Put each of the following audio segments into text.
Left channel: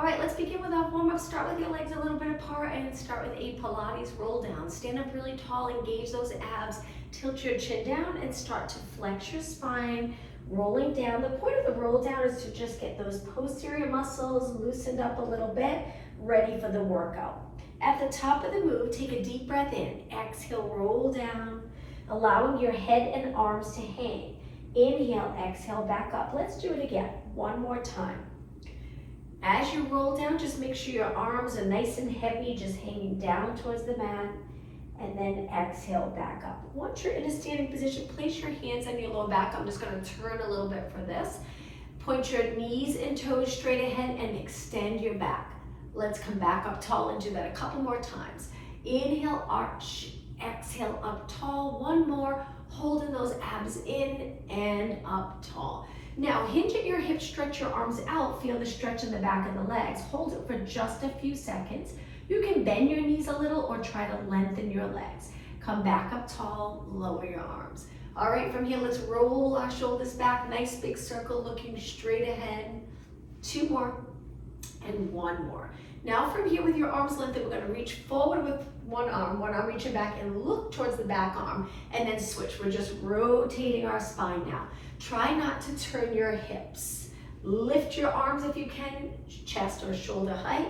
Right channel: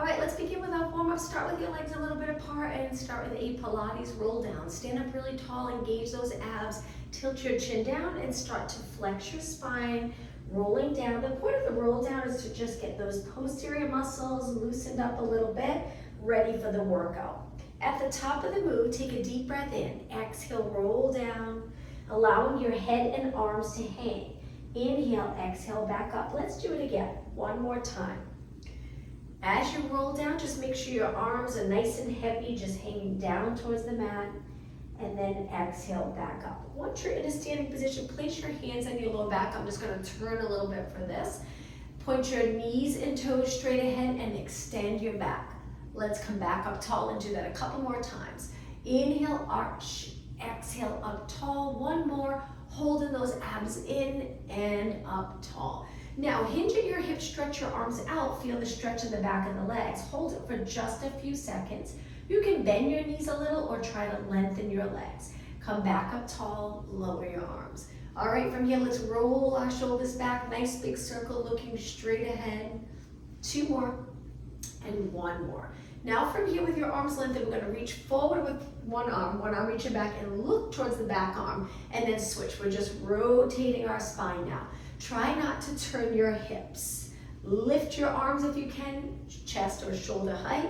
All right, let's begin with our warm-up. Start with your legs a little bit apart and start with a Pilates roll down. Stand up really tall, engage those abs, tilt your chin down and start to flex your spine, rolling down. The point of the roll down is to just get those posterior muscles loosened up a little bit, ready for the workout. At the top of the move, take a deep breath in. Exhale, roll down, allowing your head and arms to hang. Inhale, exhale, back up. Let's do it again, one more time. As you roll down, just make sure your arms are nice and heavy, just hanging down towards the mat, and then exhale, back up. Once you're in a standing position, place your hands on your low back. I'm just gonna turn a little bit for this. Point your knees and toes straight ahead and extend your back. Let's come back up tall and do that a couple more times. Inhale, arch, exhale, up tall. One more, holding those abs in and up tall. Now, hinge at your hips, stretch your arms out, feel the stretch in the back of the legs. Hold it for just a few seconds. You can bend your knees a little or try to lengthen your legs. Come back up tall, lower your arms. All right, from here, let's roll our shoulders back. Nice big circle, looking straight ahead. Two more, and one more. Now from here with your arms lengthened, we're gonna reach forward with one arm reaching back and look towards the back arm, and then switch. We're just rotating our spine now. Try not to turn your hips. Lift your arms if you can, chest or shoulder height,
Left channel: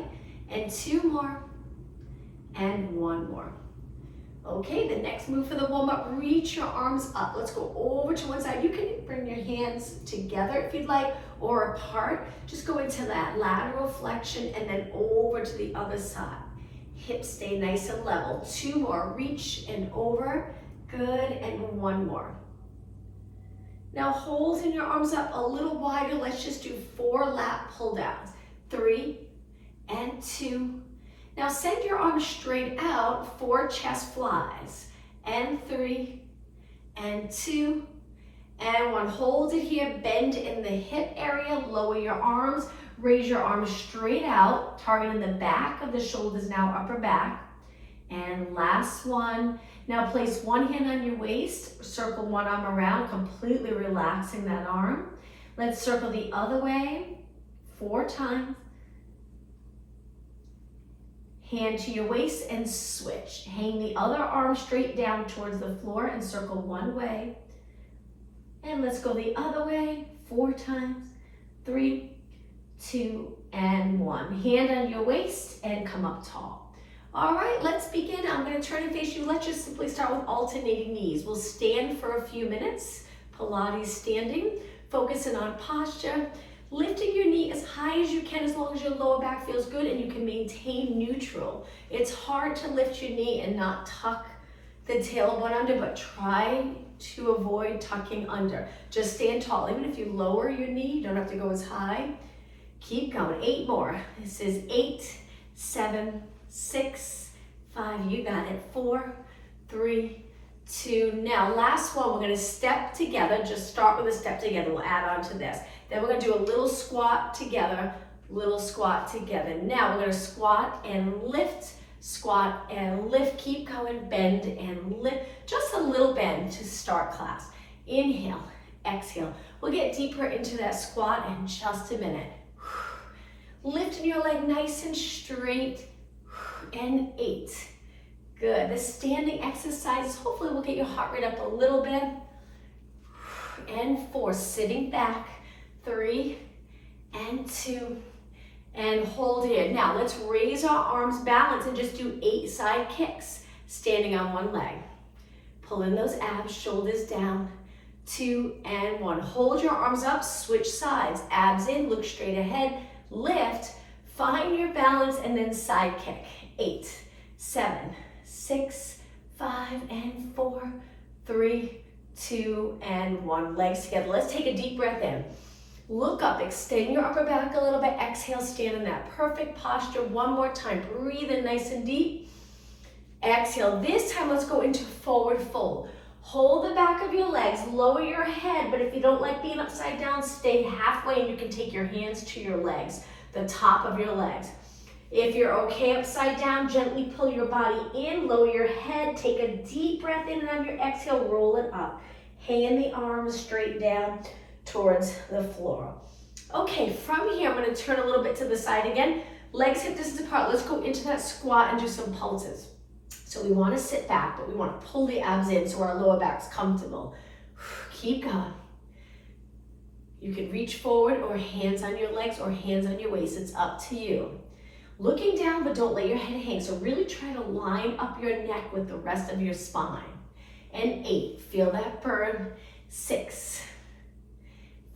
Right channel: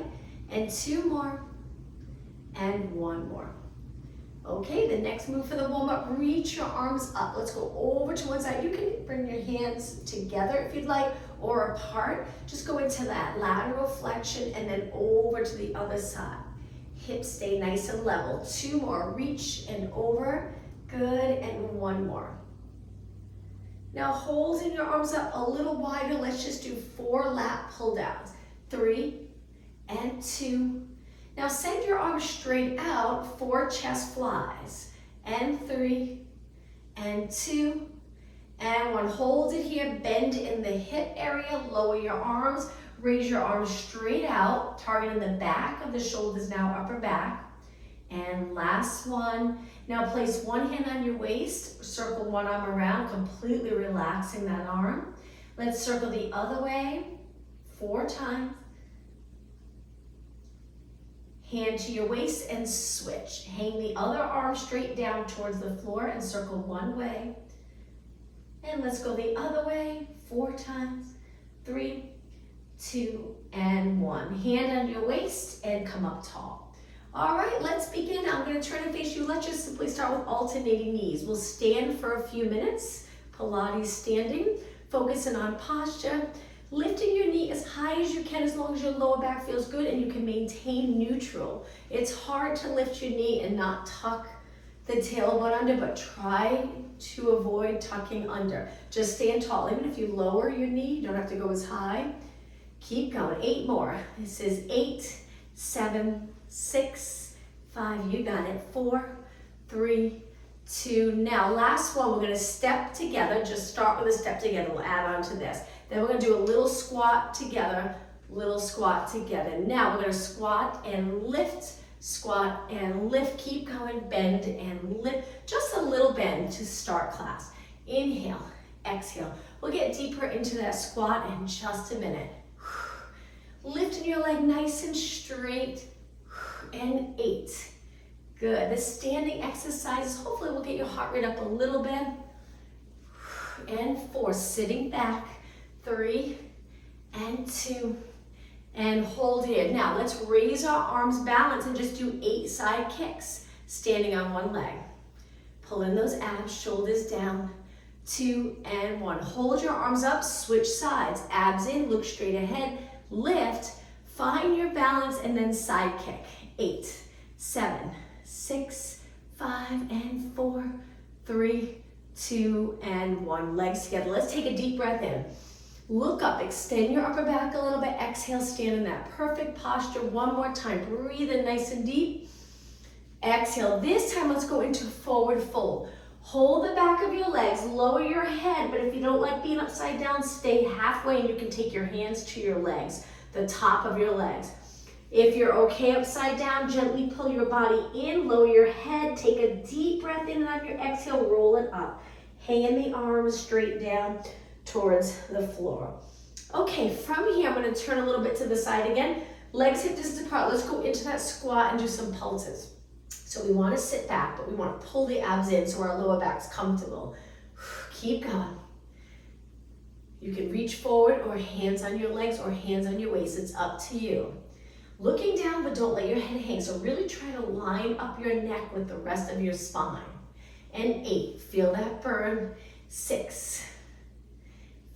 and two more, and one more. Okay, the next move for the warm-up, reach your arms up. Let's go over to one side. You can bring your hands together if you'd like, or apart. Just go into that lateral flexion and then over to the other side. Hips stay nice and level. Two more, reach and over. Good, and one more. Now holding your arms up a little wider, let's just do 4 lat pull downs. 3 and 2. Now send your arms straight out, 4 chest flies. And 3 and 2 and 1. Hold it here, bend in the hip area, lower your arms, raise your arms straight out, targeting the back of the shoulders now, upper back. And last one. Now place one hand on your waist, circle one arm around, completely relaxing that arm. Let's circle the other way 4 times. Hand to your waist and switch. Hang the other arm straight down towards the floor and circle one way. And let's go the other way 4 times. 3, 2, and 1. Hand on your waist and come up tall. All right, let's begin. I'm going to turn and face you. Let's just simply start with alternating knees. We'll stand for a few minutes, Pilates standing, focusing on posture, lifting your knee as high as you can as long as your lower back feels good and you can maintain neutral. It's hard to lift your knee and not tuck the tailbone under, but try to avoid tucking under. Just stand tall. Even if you lower your knee, you don't have to go as high. Keep going. 8 more. This is 8, 7, 6, 5, you got it. 4, 3, 2. Now, last one, we're gonna step together. Just start with a step together. We'll add on to this. Then we're gonna do a little squat together, little squat together. Now we're gonna squat and lift, squat and lift. Keep going, bend and lift. Just a little bend to start class. Inhale, exhale. We'll get deeper into that squat in just a minute. Lifting your leg nice and straight. And 8. Good. The standing exercises, hopefully will get your heart rate up a little bit. And 4, sitting back. 3 and 2. And hold here. Now let's raise our arms, balance, and just do 8 side kicks. Standing on one leg. Pull in those abs, shoulders down. 2 and 1. Hold your arms up, switch sides. Abs in, look straight ahead. Lift, find your balance, and then side kick. 8, 7, 6, 5, and 4, 3, 2, and 1. Legs together. Let's take a deep breath in. Look up, extend your upper back a little bit. Exhale, stand in that perfect posture. One more time. Breathe in nice and deep. Exhale. This time, let's go into forward fold. Hold the back of your legs, lower your head, but if you don't like being upside down, stay halfway and you can take your hands to your legs, the top of your legs. If you're okay upside down, gently pull your body in, lower your head, take a deep breath in, and on your exhale, roll it up. Hang the arms straight down towards the floor. Okay, from here, I'm gonna turn a little bit to the side again. Legs hip distance apart. Let's go into that squat and do some pulses. So we wanna sit back, but we wanna pull the abs in so our lower back's comfortable. Keep going. You can reach forward or hands on your legs or hands on your waist. It's up to you. Looking down, but don't let your head hang. So really try to line up your neck with the rest of your spine. And 8, feel that burn. 6,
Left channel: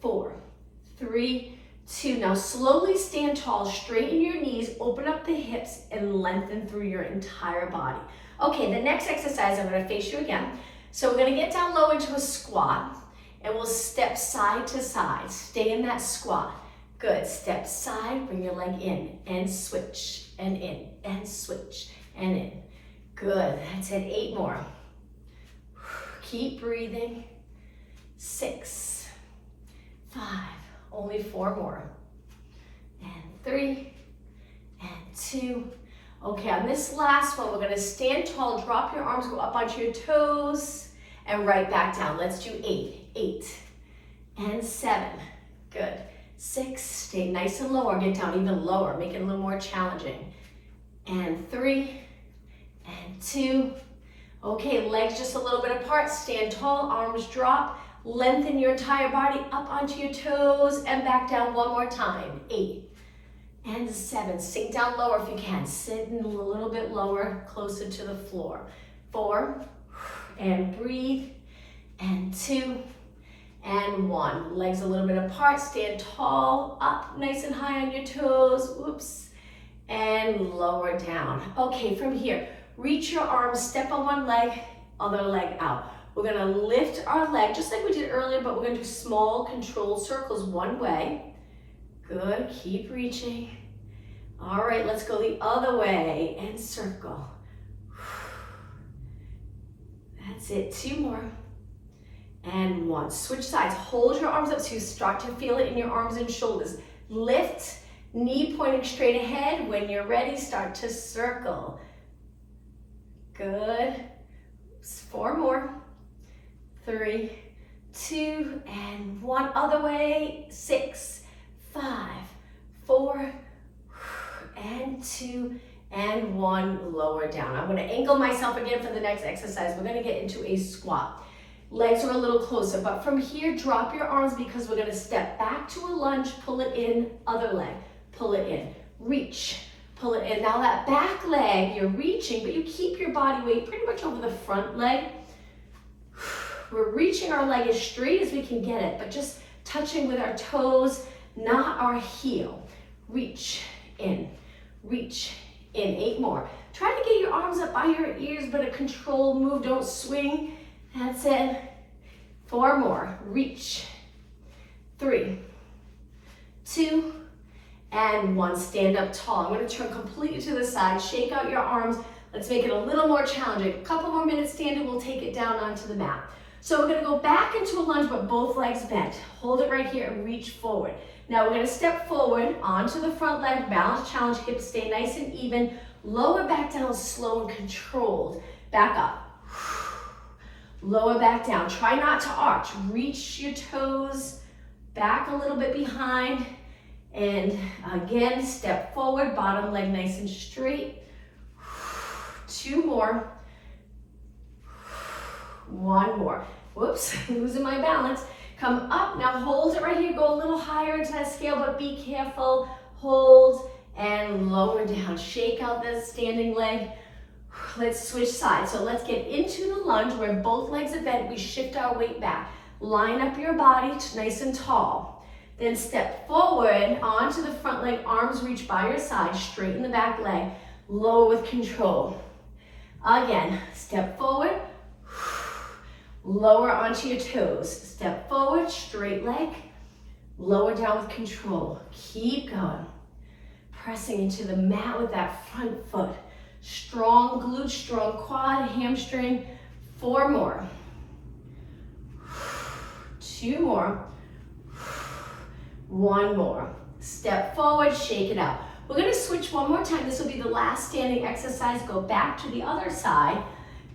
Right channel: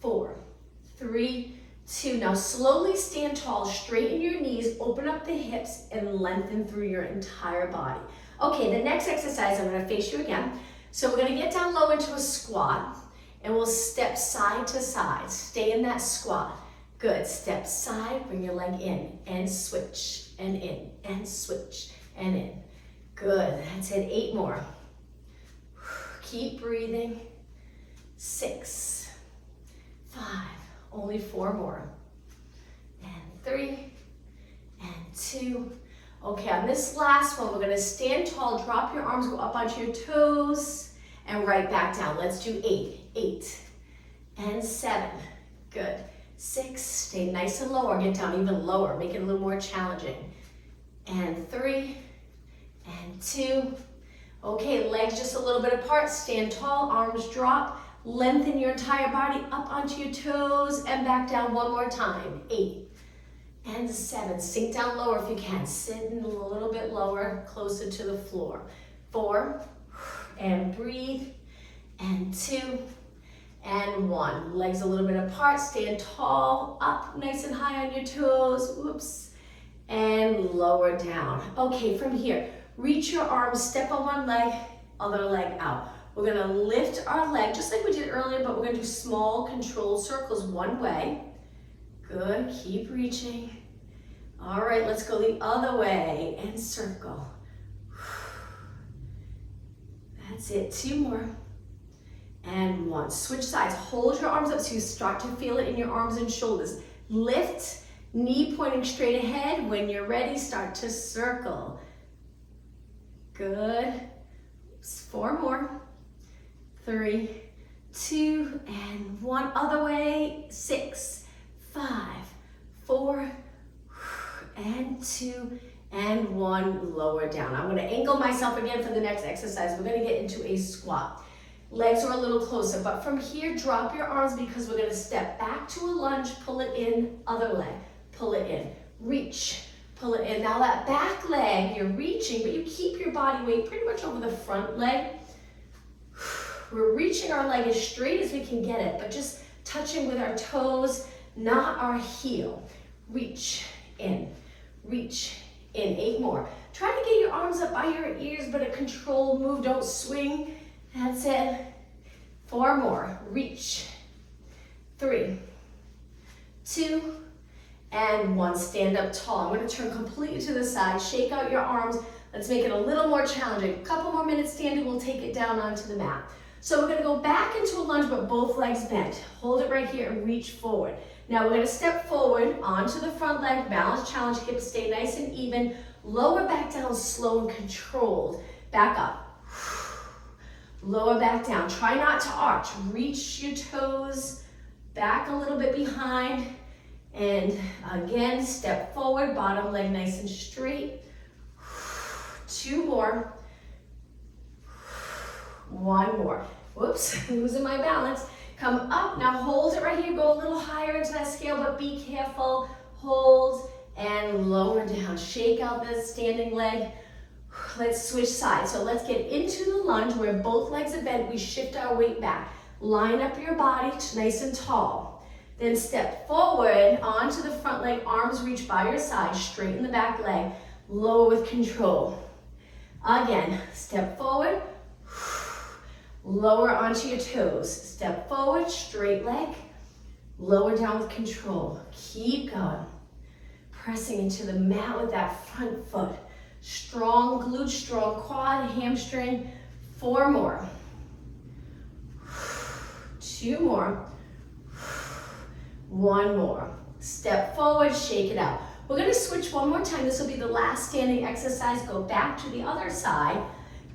4, 3, 2. Now slowly stand tall, straighten your knees, open up the hips, and lengthen through your entire body. Okay, the next exercise, I'm gonna face you again. So we're gonna get down low into a squat, and we'll step side to side. Stay in that squat. Good, step side, bring your leg in, and switch, and in, and switch, and in. Good, that's it, 8 more. Keep breathing. 6, 5, only 4 more. And 3, and 2. Okay, on this last one, we're gonna stand tall, drop your arms, go up onto your toes, and right back down. Let's do 8, 8, and 7. Good. 6, stay nice and low, or get down even lower, make it a little more challenging. And 3, and 2. Okay, legs just a little bit apart, stand tall, arms drop, lengthen your entire body up onto your toes, and back down one more time. 8, and 7, sink down lower if you can, sit in a little bit lower, closer to the floor. 4, and breathe, and 2, and 1. Legs a little bit apart, stand tall, up nice and high on your toes, whoops, and lower down. Okay, from here, reach your arms, step on one leg, other leg out. We're gonna lift our leg, just like we did earlier, but we're gonna do small controlled circles one way. Good, keep reaching. All right, let's go the other way and circle. That's it, 2 more. And 1. Switch sides. Hold your arms up so you start to feel it in your arms and shoulders. Lift, knee pointing straight ahead. When you're ready, start to circle. Good. 4 more. 3, 2, and 1. Other way. 6, 5, 4, and 2, and 1. Lower down. I'm going to angle myself again for the next exercise. We're going to get into a squat. Legs are a little closer, but from here, drop your arms because we're gonna step back to a lunge, pull it in, other leg, pull it in, reach, pull it in. Now that back leg, you're reaching, but you keep your body weight pretty much over the front leg. We're reaching our leg as straight as we can get it, but just touching with our toes, not our heel. Reach in, 8 more. Try to get your arms up by your ears, but a controlled move, don't swing. That's it. 4 more. Reach. 3, 2, and 1. Stand up tall. I'm going to turn completely to the side. Shake out your arms. Let's make it a little more challenging. A couple more minutes standing. We'll take it down onto the mat. So we're going to go back into a lunge, but both legs bent. Hold it right here and reach forward. Now we're going to step forward onto the front leg. Balance challenge. Hips stay nice and even. Lower back down slow and controlled. Back up. Lower back down. Try not to arch. Reach your toes back a little bit behind. And again, step forward. Bottom leg nice and straight. 2 more. 1 more. Whoops, losing my balance. Come up. Now hold it right here. Go a little higher into that scale, but be careful. Hold and lower down. Shake out that standing leg. Let's switch sides. So let's get into the lunge where both legs are bent. We shift our weight back. Line up your body nice and tall. Then step forward onto the front leg. Arms reach by your side. Straighten the back leg. Lower with control. Again, step forward. Lower onto your toes. Step forward, straight leg. Lower down with control. Keep going. Pressing into the mat with that front foot. Strong glute, strong quad, hamstring. 4 more. 2 more. 1 more. Step forward, shake it out. We're going to switch one more time. This will be the last standing exercise. Go back to the other side.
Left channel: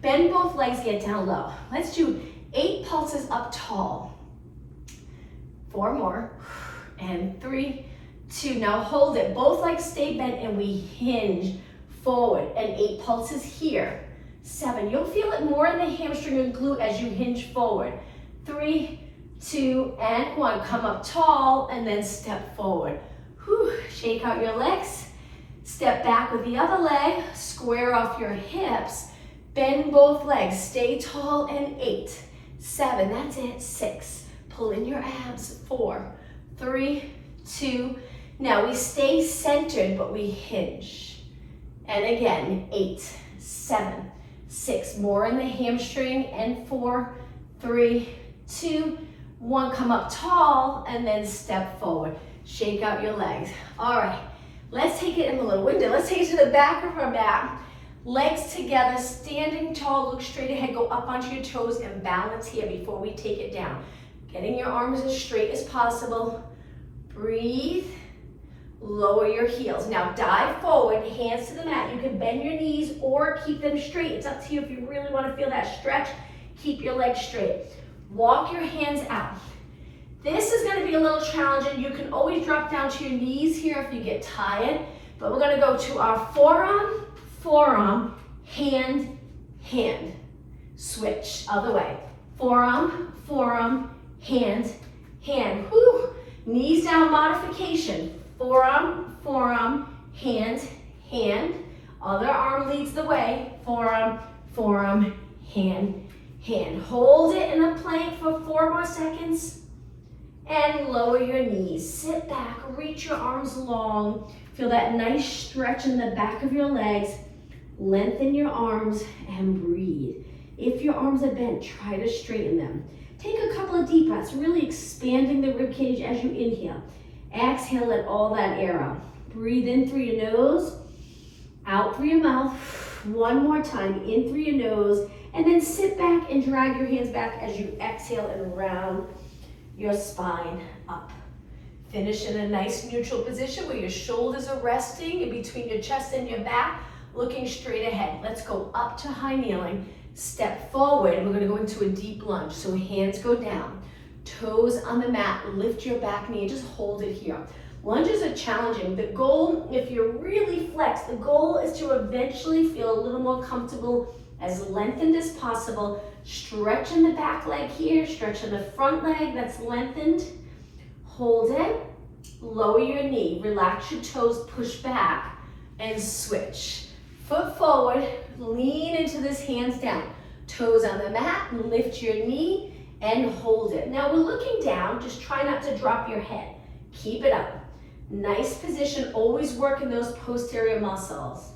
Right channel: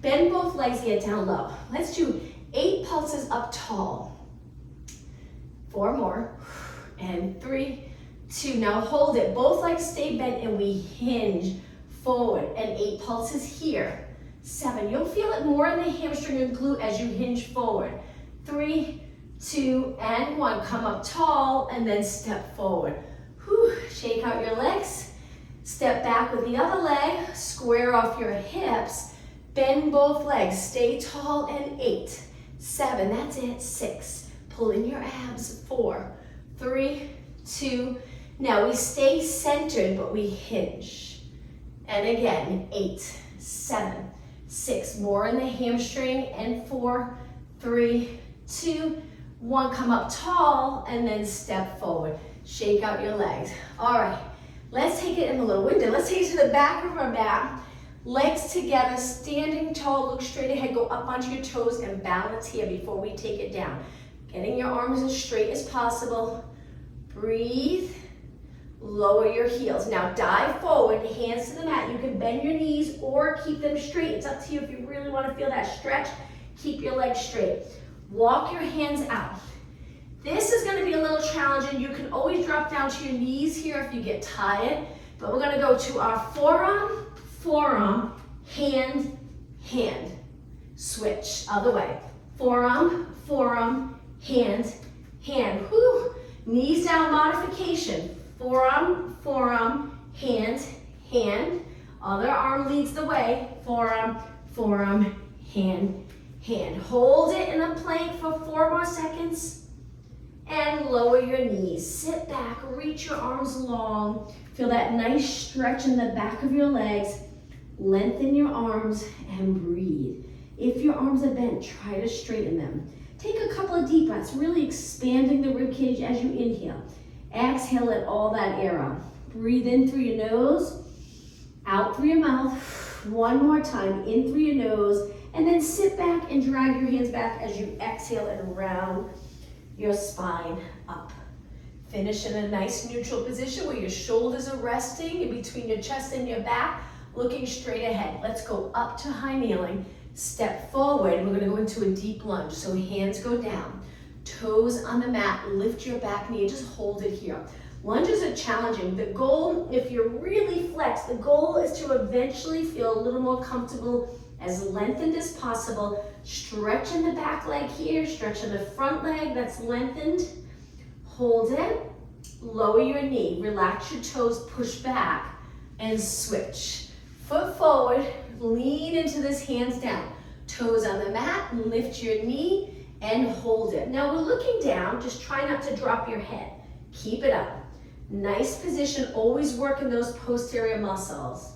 Bend both legs, get down low. Let's do 8 pulses up tall. 4 more. and 3, 2. Now hold it. Both legs stay bent and we hinge forward. And 8 pulses here. 7. You'll feel it more in the hamstring and glute as you hinge forward. 3, 2, and 1. Come up tall and then step forward. Whew. Shake out your legs. Step back with the other leg. Square off your hips. Bend both legs. Stay tall and 8, 7. That's it. 6. Pull in your abs. 4, 3, 2. Now we stay centered, but we hinge. And again, 8, 7, 6. More in the hamstring. And 4, 3, 2, 1. Come up tall and then step forward. Shake out your legs. All right, let's take it in a little window. Let's take it to the back of our mat. Legs together, standing tall, look straight ahead, go up onto your toes and balance here before we take it down. Getting your arms as straight as possible. Breathe, lower your heels. Now dive forward, hands to the mat. You can bend your knees or keep them straight. It's up to you if you really want to feel that stretch. Keep your legs straight. Walk your hands out. This is going to be a little challenging. You can always drop down to your knees here if you get tired, but we're going to go to our forearm, forearm, hand, hand. Switch, other way. Forearm, forearm, hand, hand. Whew. Knees down modification. Forearm, forearm, hand, hand. Other arm leads the way. Forearm, forearm, hand, hand. Hold it in a plank for 4 more seconds. And lower your knees. Sit back, reach your arms long. Feel that nice stretch in the back of your legs. Lengthen your arms and breathe. If your arms are bent, try to straighten them. Take a couple of deep breaths, really expanding the rib cage as you inhale. Exhale, let all that air out. Breathe in through your nose, out through your mouth. One more time, in through your nose, and then sit back and drag your hands back as you exhale and round your spine up. Finish in a nice neutral position where your shoulders are resting in between your chest and your back, looking straight ahead. Let's go up to high kneeling. Step forward, and we're going to go into a deep lunge. So hands go down, toes on the mat, lift your back knee, just hold it here. Lunges are challenging. The goal, if you're really flexed, the goal is to eventually feel a little more comfortable, as lengthened as possible. Stretch in the back leg here, stretch in the front leg that's lengthened. Hold it, lower your knee, relax your toes, push back, and switch. Foot forward, lean into this hands down. Toes on the mat, lift your knee, and hold it. Now we're looking down, just try not to drop your head. Keep it up. Nice position, always working those posterior muscles.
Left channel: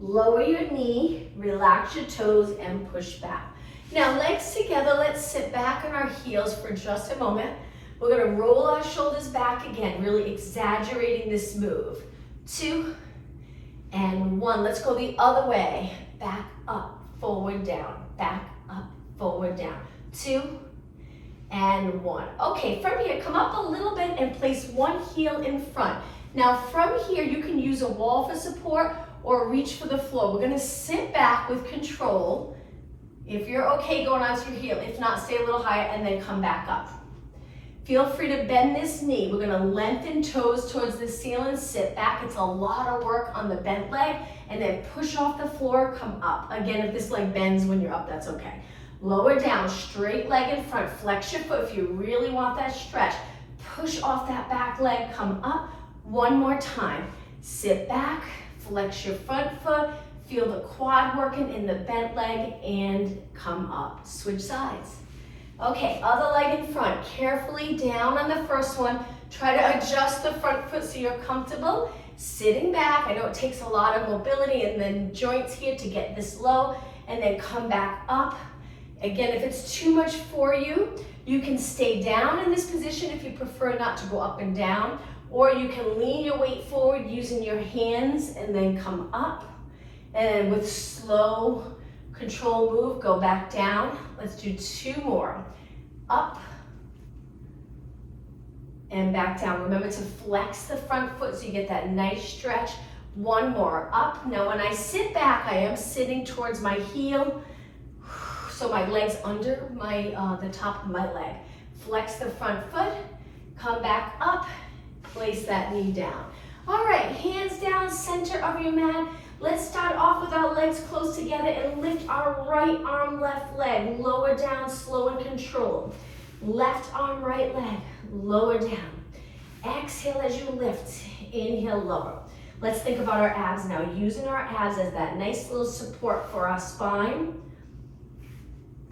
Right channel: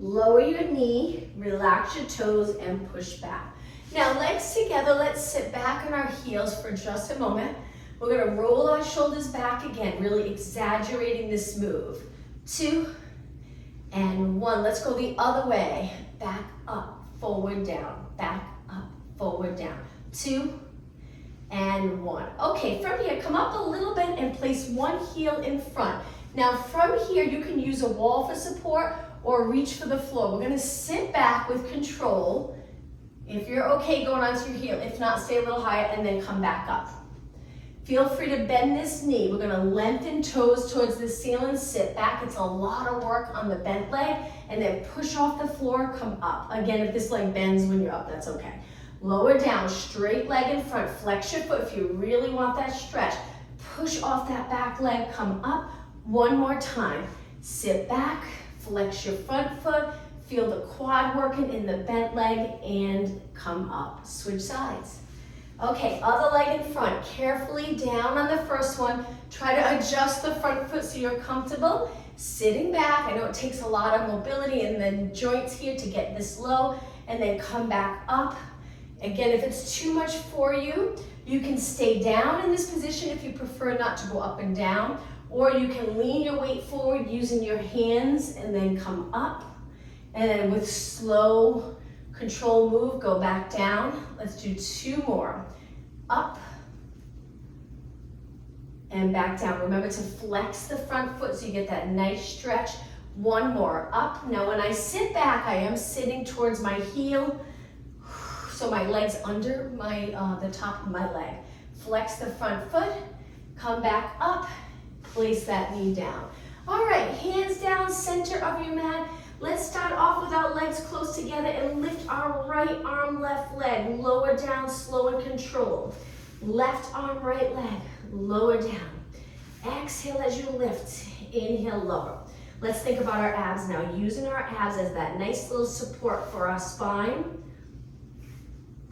Lower your knee, relax your toes, and push back. Now legs together, let's sit back on our heels for just a moment. We're gonna roll our shoulders back again, really exaggerating this move. 2 and 1. Let's go the other way. Back up, forward, down. Back up, forward, down. 2 and 1. Okay, from here, come up a little bit and place one heel in front. Now from here, you can use a wall for support or reach for the floor. We're gonna sit back with control. If you're okay going onto your heel, if not, stay a little higher and then come back up. Feel free to bend this knee. We're gonna lengthen toes towards the ceiling, sit back. It's a lot of work on the bent leg, and then push off the floor, come up. Again, if this leg bends when you're up, that's okay. Lower down, straight leg in front, flex your foot if you really want that stretch. Push off that back leg, come up. One more time. Sit back, flex your front foot, feel the quad working in the bent leg, and come up. Switch sides. Okay, other leg in front. Carefully down on the first one. Try to adjust the front foot so you're comfortable. Sitting back, I know it takes a lot of mobility in the joints here to get this low, and then come back up. Again, if it's too much for you, you can stay down in this position if you prefer not to go up and down, or you can lean your weight forward using your hands and then come up. And with slow control move, go back down. Let's do 2 more. Up and back down. Remember to flex the front foot so you get that nice stretch. 1 more. Up. Now when I sit back, I am sitting towards my heel, so my leg's under my the top of my leg. Flex the front foot Come back up, place that knee down. All right, hands down, center of your mat. Let's start off with our legs close together and lift our right arm, left leg. Lower down, slow and controlled. Left arm, right leg, lower down. Exhale as you lift, inhale, lower. Let's think about our abs now, using our abs as that nice little support for our spine.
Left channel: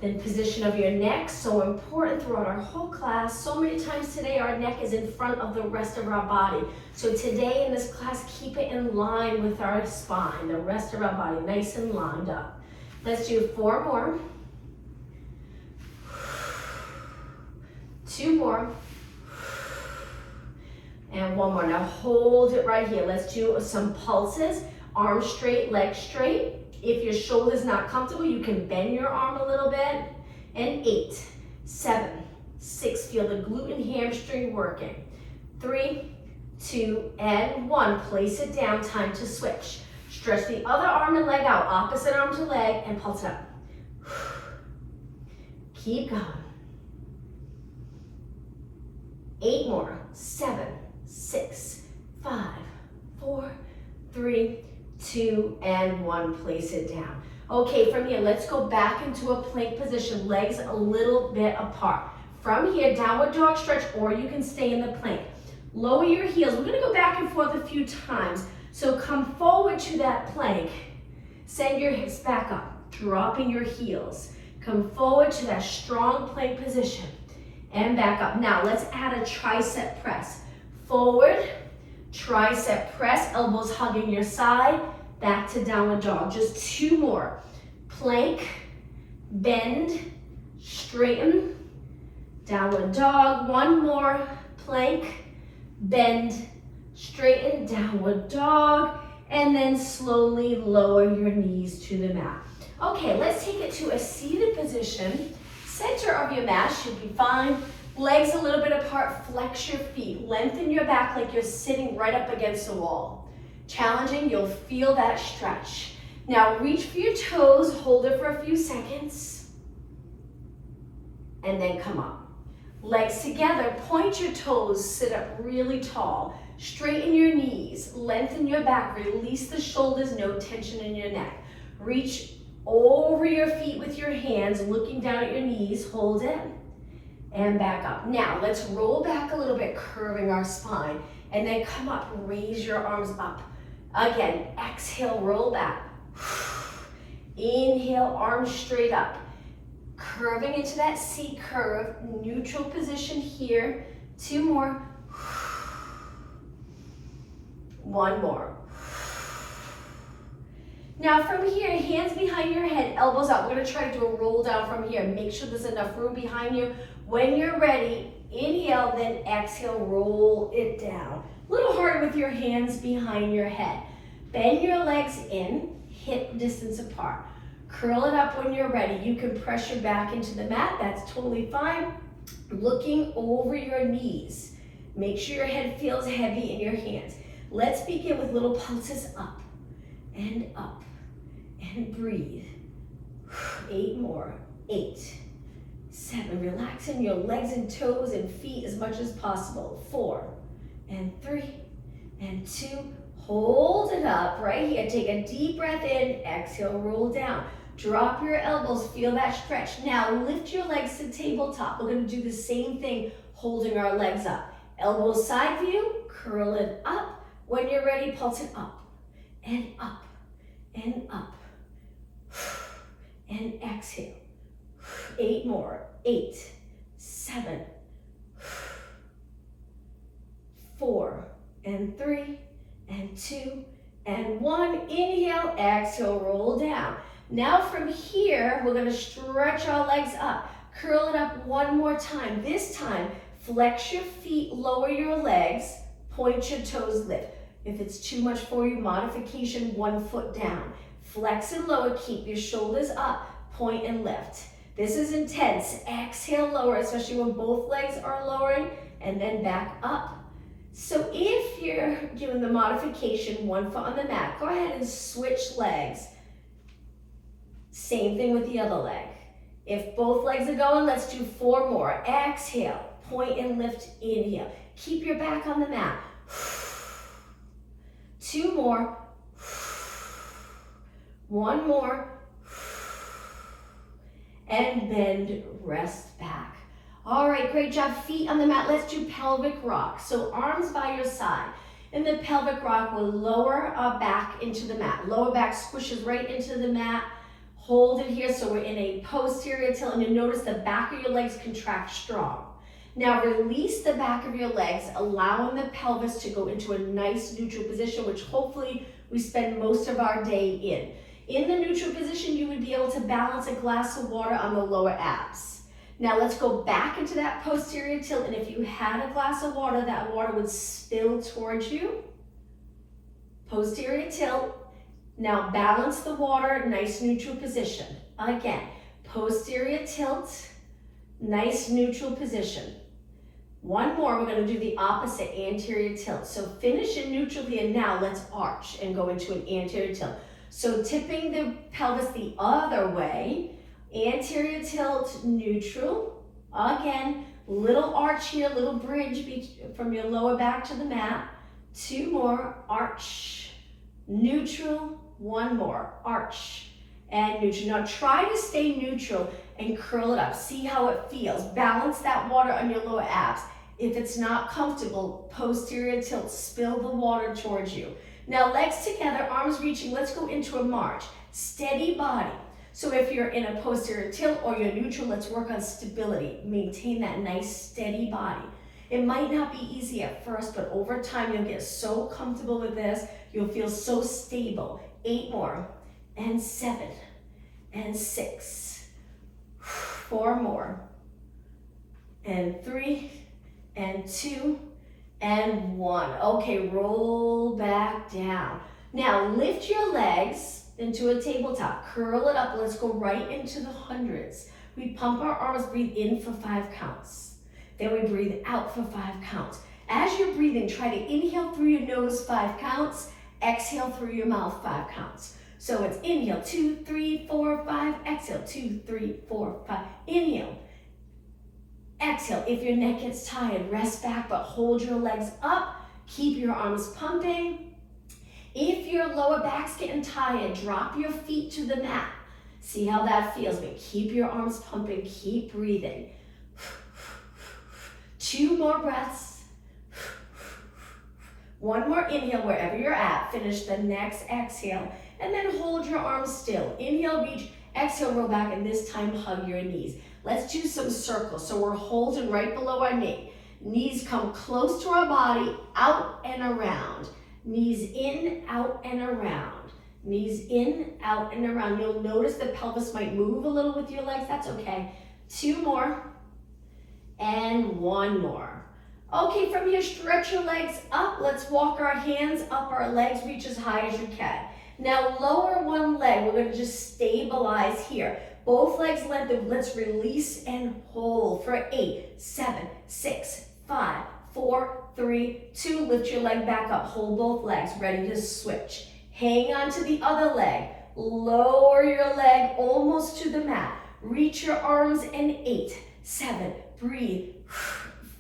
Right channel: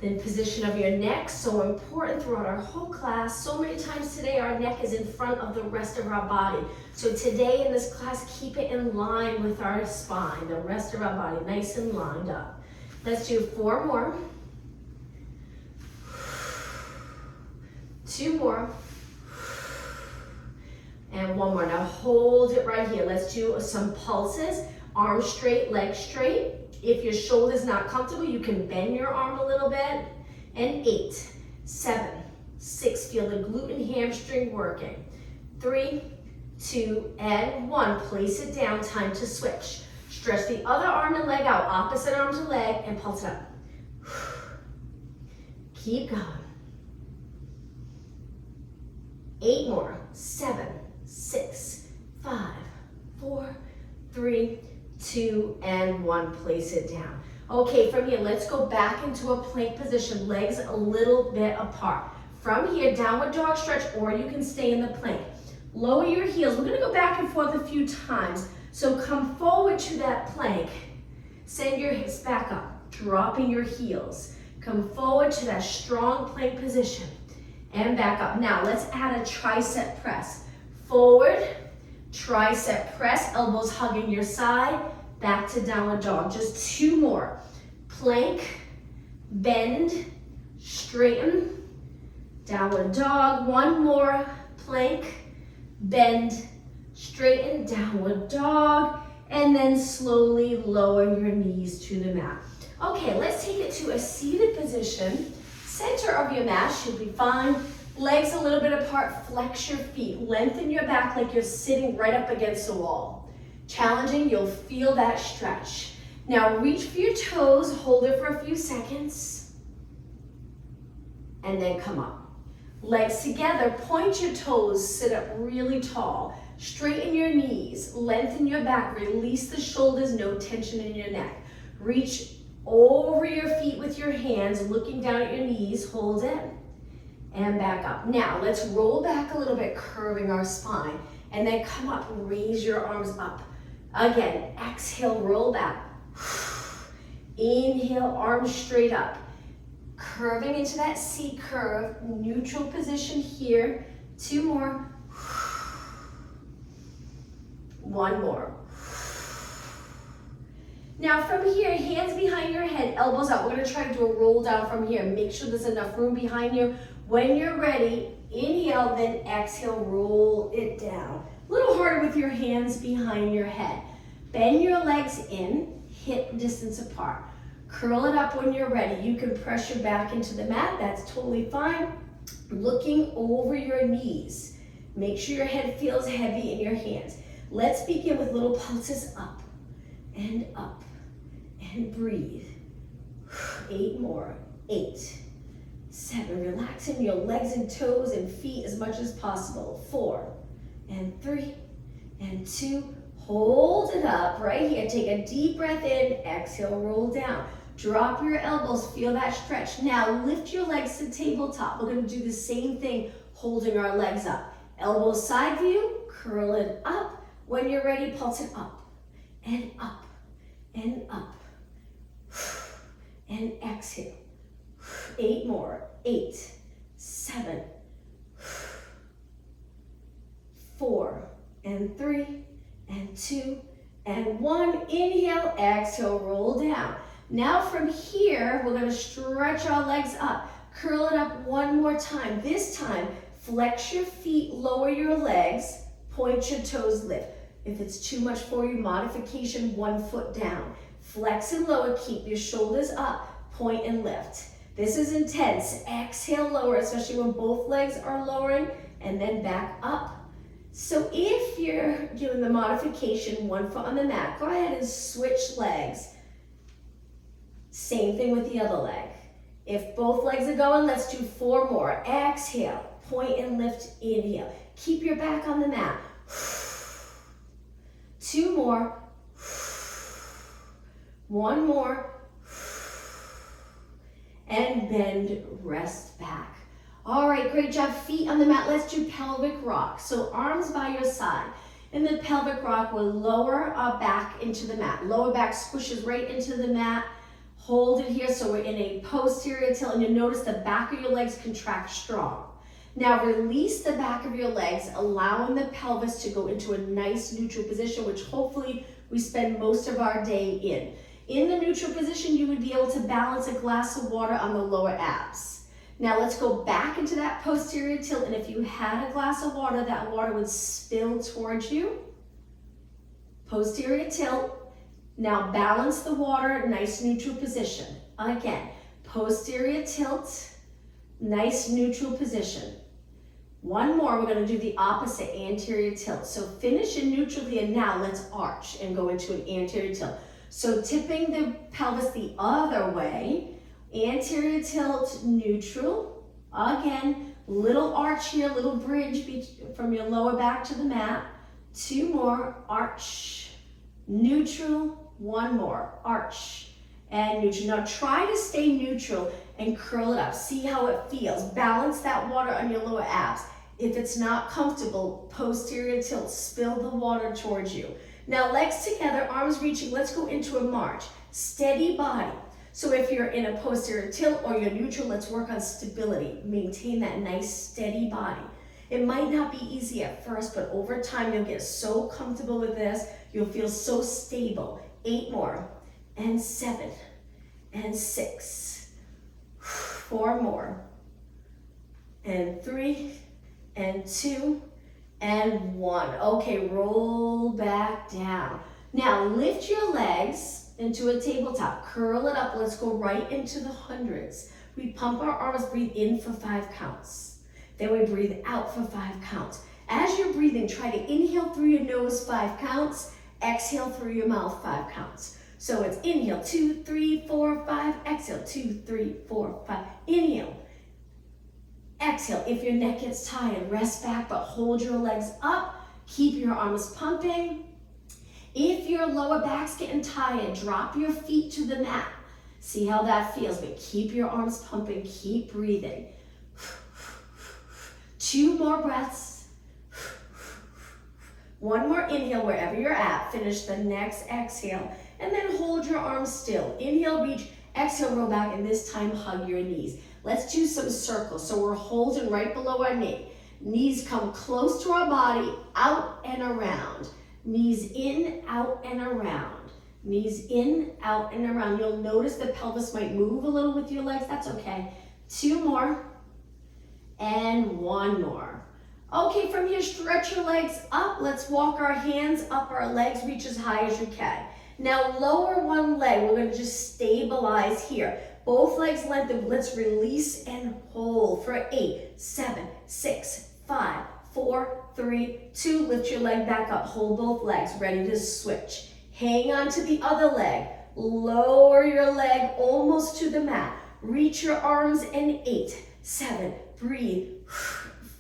Then position of your neck, so important throughout our whole class. So many times today our neck is in front of the rest of our body. So today in this class, keep it in line with our spine, the rest of our body, nice and lined up. Let's do 4 more. 2 more. And 1 more. Now hold it right here. Let's do some pulses. Arms straight, legs straight. If your shoulder's not comfortable, you can bend your arm a little bit. And 8, 7, 6. Feel the glute and hamstring working. 3, 2, and 1. Place it down. Time to switch. Stretch the other arm and leg out. Opposite arm to leg and pulse it up. Keep going. 8 more. 7, 6, 5, 4, 3, 2, and 1. Place it down. Okay, from here, let's go back into a plank position, legs a little bit apart. From here, downward dog stretch, or you can stay in the plank. Lower your heels. We're gonna go back and forth a few times. So come forward to that plank. Send your hips back up, dropping your heels. Come forward to that strong plank position and back up. Now, let's add a tricep press. Forward, tricep press, elbows hugging your side, back to downward dog. Just 2 more. Plank, bend, straighten, downward dog. 1 more. Plank, bend, straighten, downward dog, and then slowly lower your knees to the mat. Okay, let's take it to a seated position. Center of your mat should be fine. Legs a little bit apart, flex your feet. Lengthen your back like you're sitting right up against the wall. Challenging, you'll feel that stretch. Now reach for your toes, hold it for a few seconds, and then come up. Legs together, point your toes, sit up really tall. Straighten your knees, lengthen your back, release the shoulders, no tension in your neck. Reach over your feet with your hands, looking down at your knees, hold it, and back up. Now, let's roll back a little bit, curving our spine, and then come up, raise your arms up. Again, exhale, roll back. Inhale, arms straight up. Curving into that C curve, neutral position here. 2 more. 1 more. Now from here, hands behind your head, elbows out. We're gonna try to do a roll down from here. Make sure there's enough room behind you. When you're ready, inhale, then exhale, roll it down. A little harder with your hands behind your head. Bend your legs in, hip distance apart. Curl it up when you're ready. You can press your back into the mat, that's totally fine. Looking over your knees. Make sure your head feels heavy in your hands. Let's begin with little pulses up and breathe. 8 more, 8, 7, relaxing your legs and toes and feet as much as possible. 4 and 3 and 2, hold it up right here. Take a deep breath in, exhale, roll down. Drop your elbows, feel that stretch. Now lift your legs to tabletop. We're gonna do the same thing, holding our legs up. Elbows side view, curl it up. When you're ready, pulse it up and up and up. And exhale. 8 more, 8, 7, 4 and 3 and 2 and 1. Inhale, exhale, roll down. Now from here, we're gonna stretch our legs up. Curl it up 1 more time. This time, flex your feet, lower your legs, point your toes, lift. If it's too much for you, modification, 1 foot down. Flex and lower, keep your shoulders up, point and lift. This is intense. Exhale, lower, especially when both legs are lowering, and then back up. So if you're doing the modification, 1 foot on the mat, go ahead and switch legs. Same thing with the other leg. If both legs are going, let's do 4 more. Exhale, point and lift, inhale. Keep your back on the mat. 2 more. 1 more. And bend, rest back. All right, great job. Feet on the mat. Let's do pelvic rock. So arms by your side. In the pelvic rock, we'll lower our back into the mat. Lower back squishes right into the mat. Hold it here, so we're in a posterior tilt, and you'll notice the back of your legs contract strong. Now release the back of your legs, allowing the pelvis to go into a nice neutral position, which hopefully we spend most of our day in. In the neutral position, you would be able to balance a glass of water on the lower abs. Now let's go back into that posterior tilt, and if you had a glass of water, that water would spill towards you. Posterior tilt. Now balance the water, nice neutral position. Again, posterior tilt, nice neutral position. One more, we're going to do the opposite, anterior tilt. So finish in neutral here. Now let's arch and go into an anterior tilt. So tipping the pelvis the other way, anterior tilt, neutral. Again, little arch here, little bridge from your lower back to the mat. 2 more, arch, neutral. 1 more, arch, and neutral. Now try to stay neutral and curl it up. See how it feels. Balance that water on your lower abs. If it's not comfortable, posterior tilt, spill the water towards you. Now legs together, arms reaching. Let's go into a march. Steady body. So if you're in a posterior tilt or you're neutral, let's work on stability. Maintain that nice steady body. It might not be easy at first, but over time you'll get so comfortable with this. You'll feel so stable. 8 more, and 7, and 6, 4 more, and 3, and 2, and 1. Okay, roll back down. Now lift your legs into a tabletop. Curl it up. Let's go right into the hundreds. We pump our arms, breathe in for 5 counts. Then we breathe out for 5 counts. As you're breathing, try to inhale through your nose 5 counts. Exhale through your mouth 5 counts. So it's inhale, 2, 3, 4, 5. Exhale, 2, 3, 4, 5. Inhale. Exhale. If your neck gets tired, rest back, but hold your legs up. Keep your arms pumping. If your lower back's getting tired, drop your feet to the mat. See how that feels, but keep your arms pumping. Keep breathing. 2 more breaths. 1 more inhale wherever you're at. Finish the next exhale, and then hold your arms still. Inhale, reach. Exhale, roll back, and this time hug your knees. Let's do some circles. So we're holding right below our knee. Knees come close to our body, out and around. Knees in, out, and around. Knees in, out, and around. You'll notice the pelvis might move a little with your legs. That's okay. 2 more, and 1 more. Okay, from here, stretch your legs up. Let's walk our hands up our legs, reach as high as you can. Now lower one leg. We're going to just stabilize here. Both legs lengthen. Let's release and hold for 8, 7, 6, 5, 4, 3, 2. Lift your leg back up. Hold both legs. Ready to switch. Hang on to the other leg. Lower your leg almost to the mat. Reach your arms in 8, 7, breathe.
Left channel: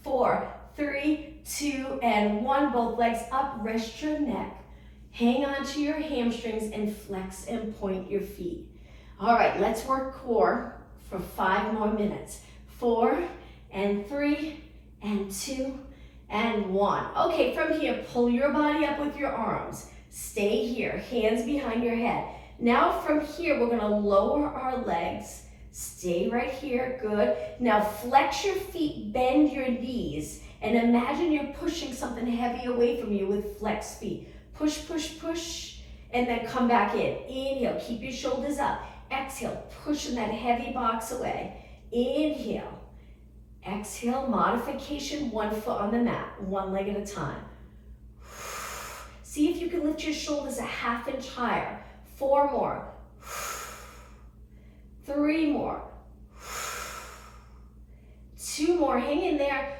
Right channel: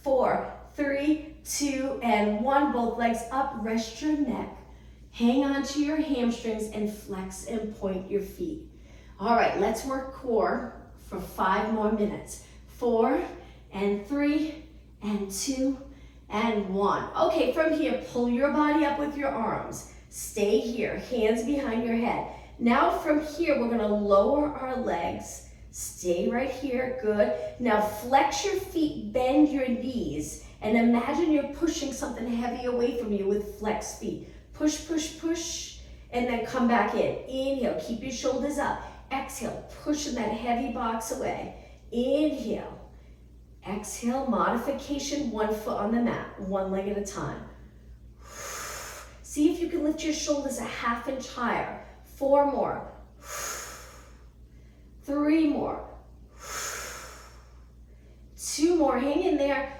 4, 3, 2, and 1. Both legs up. Rest your neck. Hang on to your hamstrings and flex and point your feet. All right, let's work core for 5 more minutes. 4, and 3, and 2, and 1. Okay, from here, pull your body up with your arms. Stay here, hands behind your head. Now from here, we're gonna lower our legs. Stay right here, good. Now flex your feet, bend your knees, and imagine you're pushing something heavy away from you with flexed feet. Push, push, push, and then come back in. Inhale, keep your shoulders up. Exhale, pushing that heavy box away. Inhale. Exhale, modification, 1 foot on the mat, 1 leg at a time. See if you can lift your shoulders a ½ inch higher. 4 more. 3 more. 2 more, hang in there.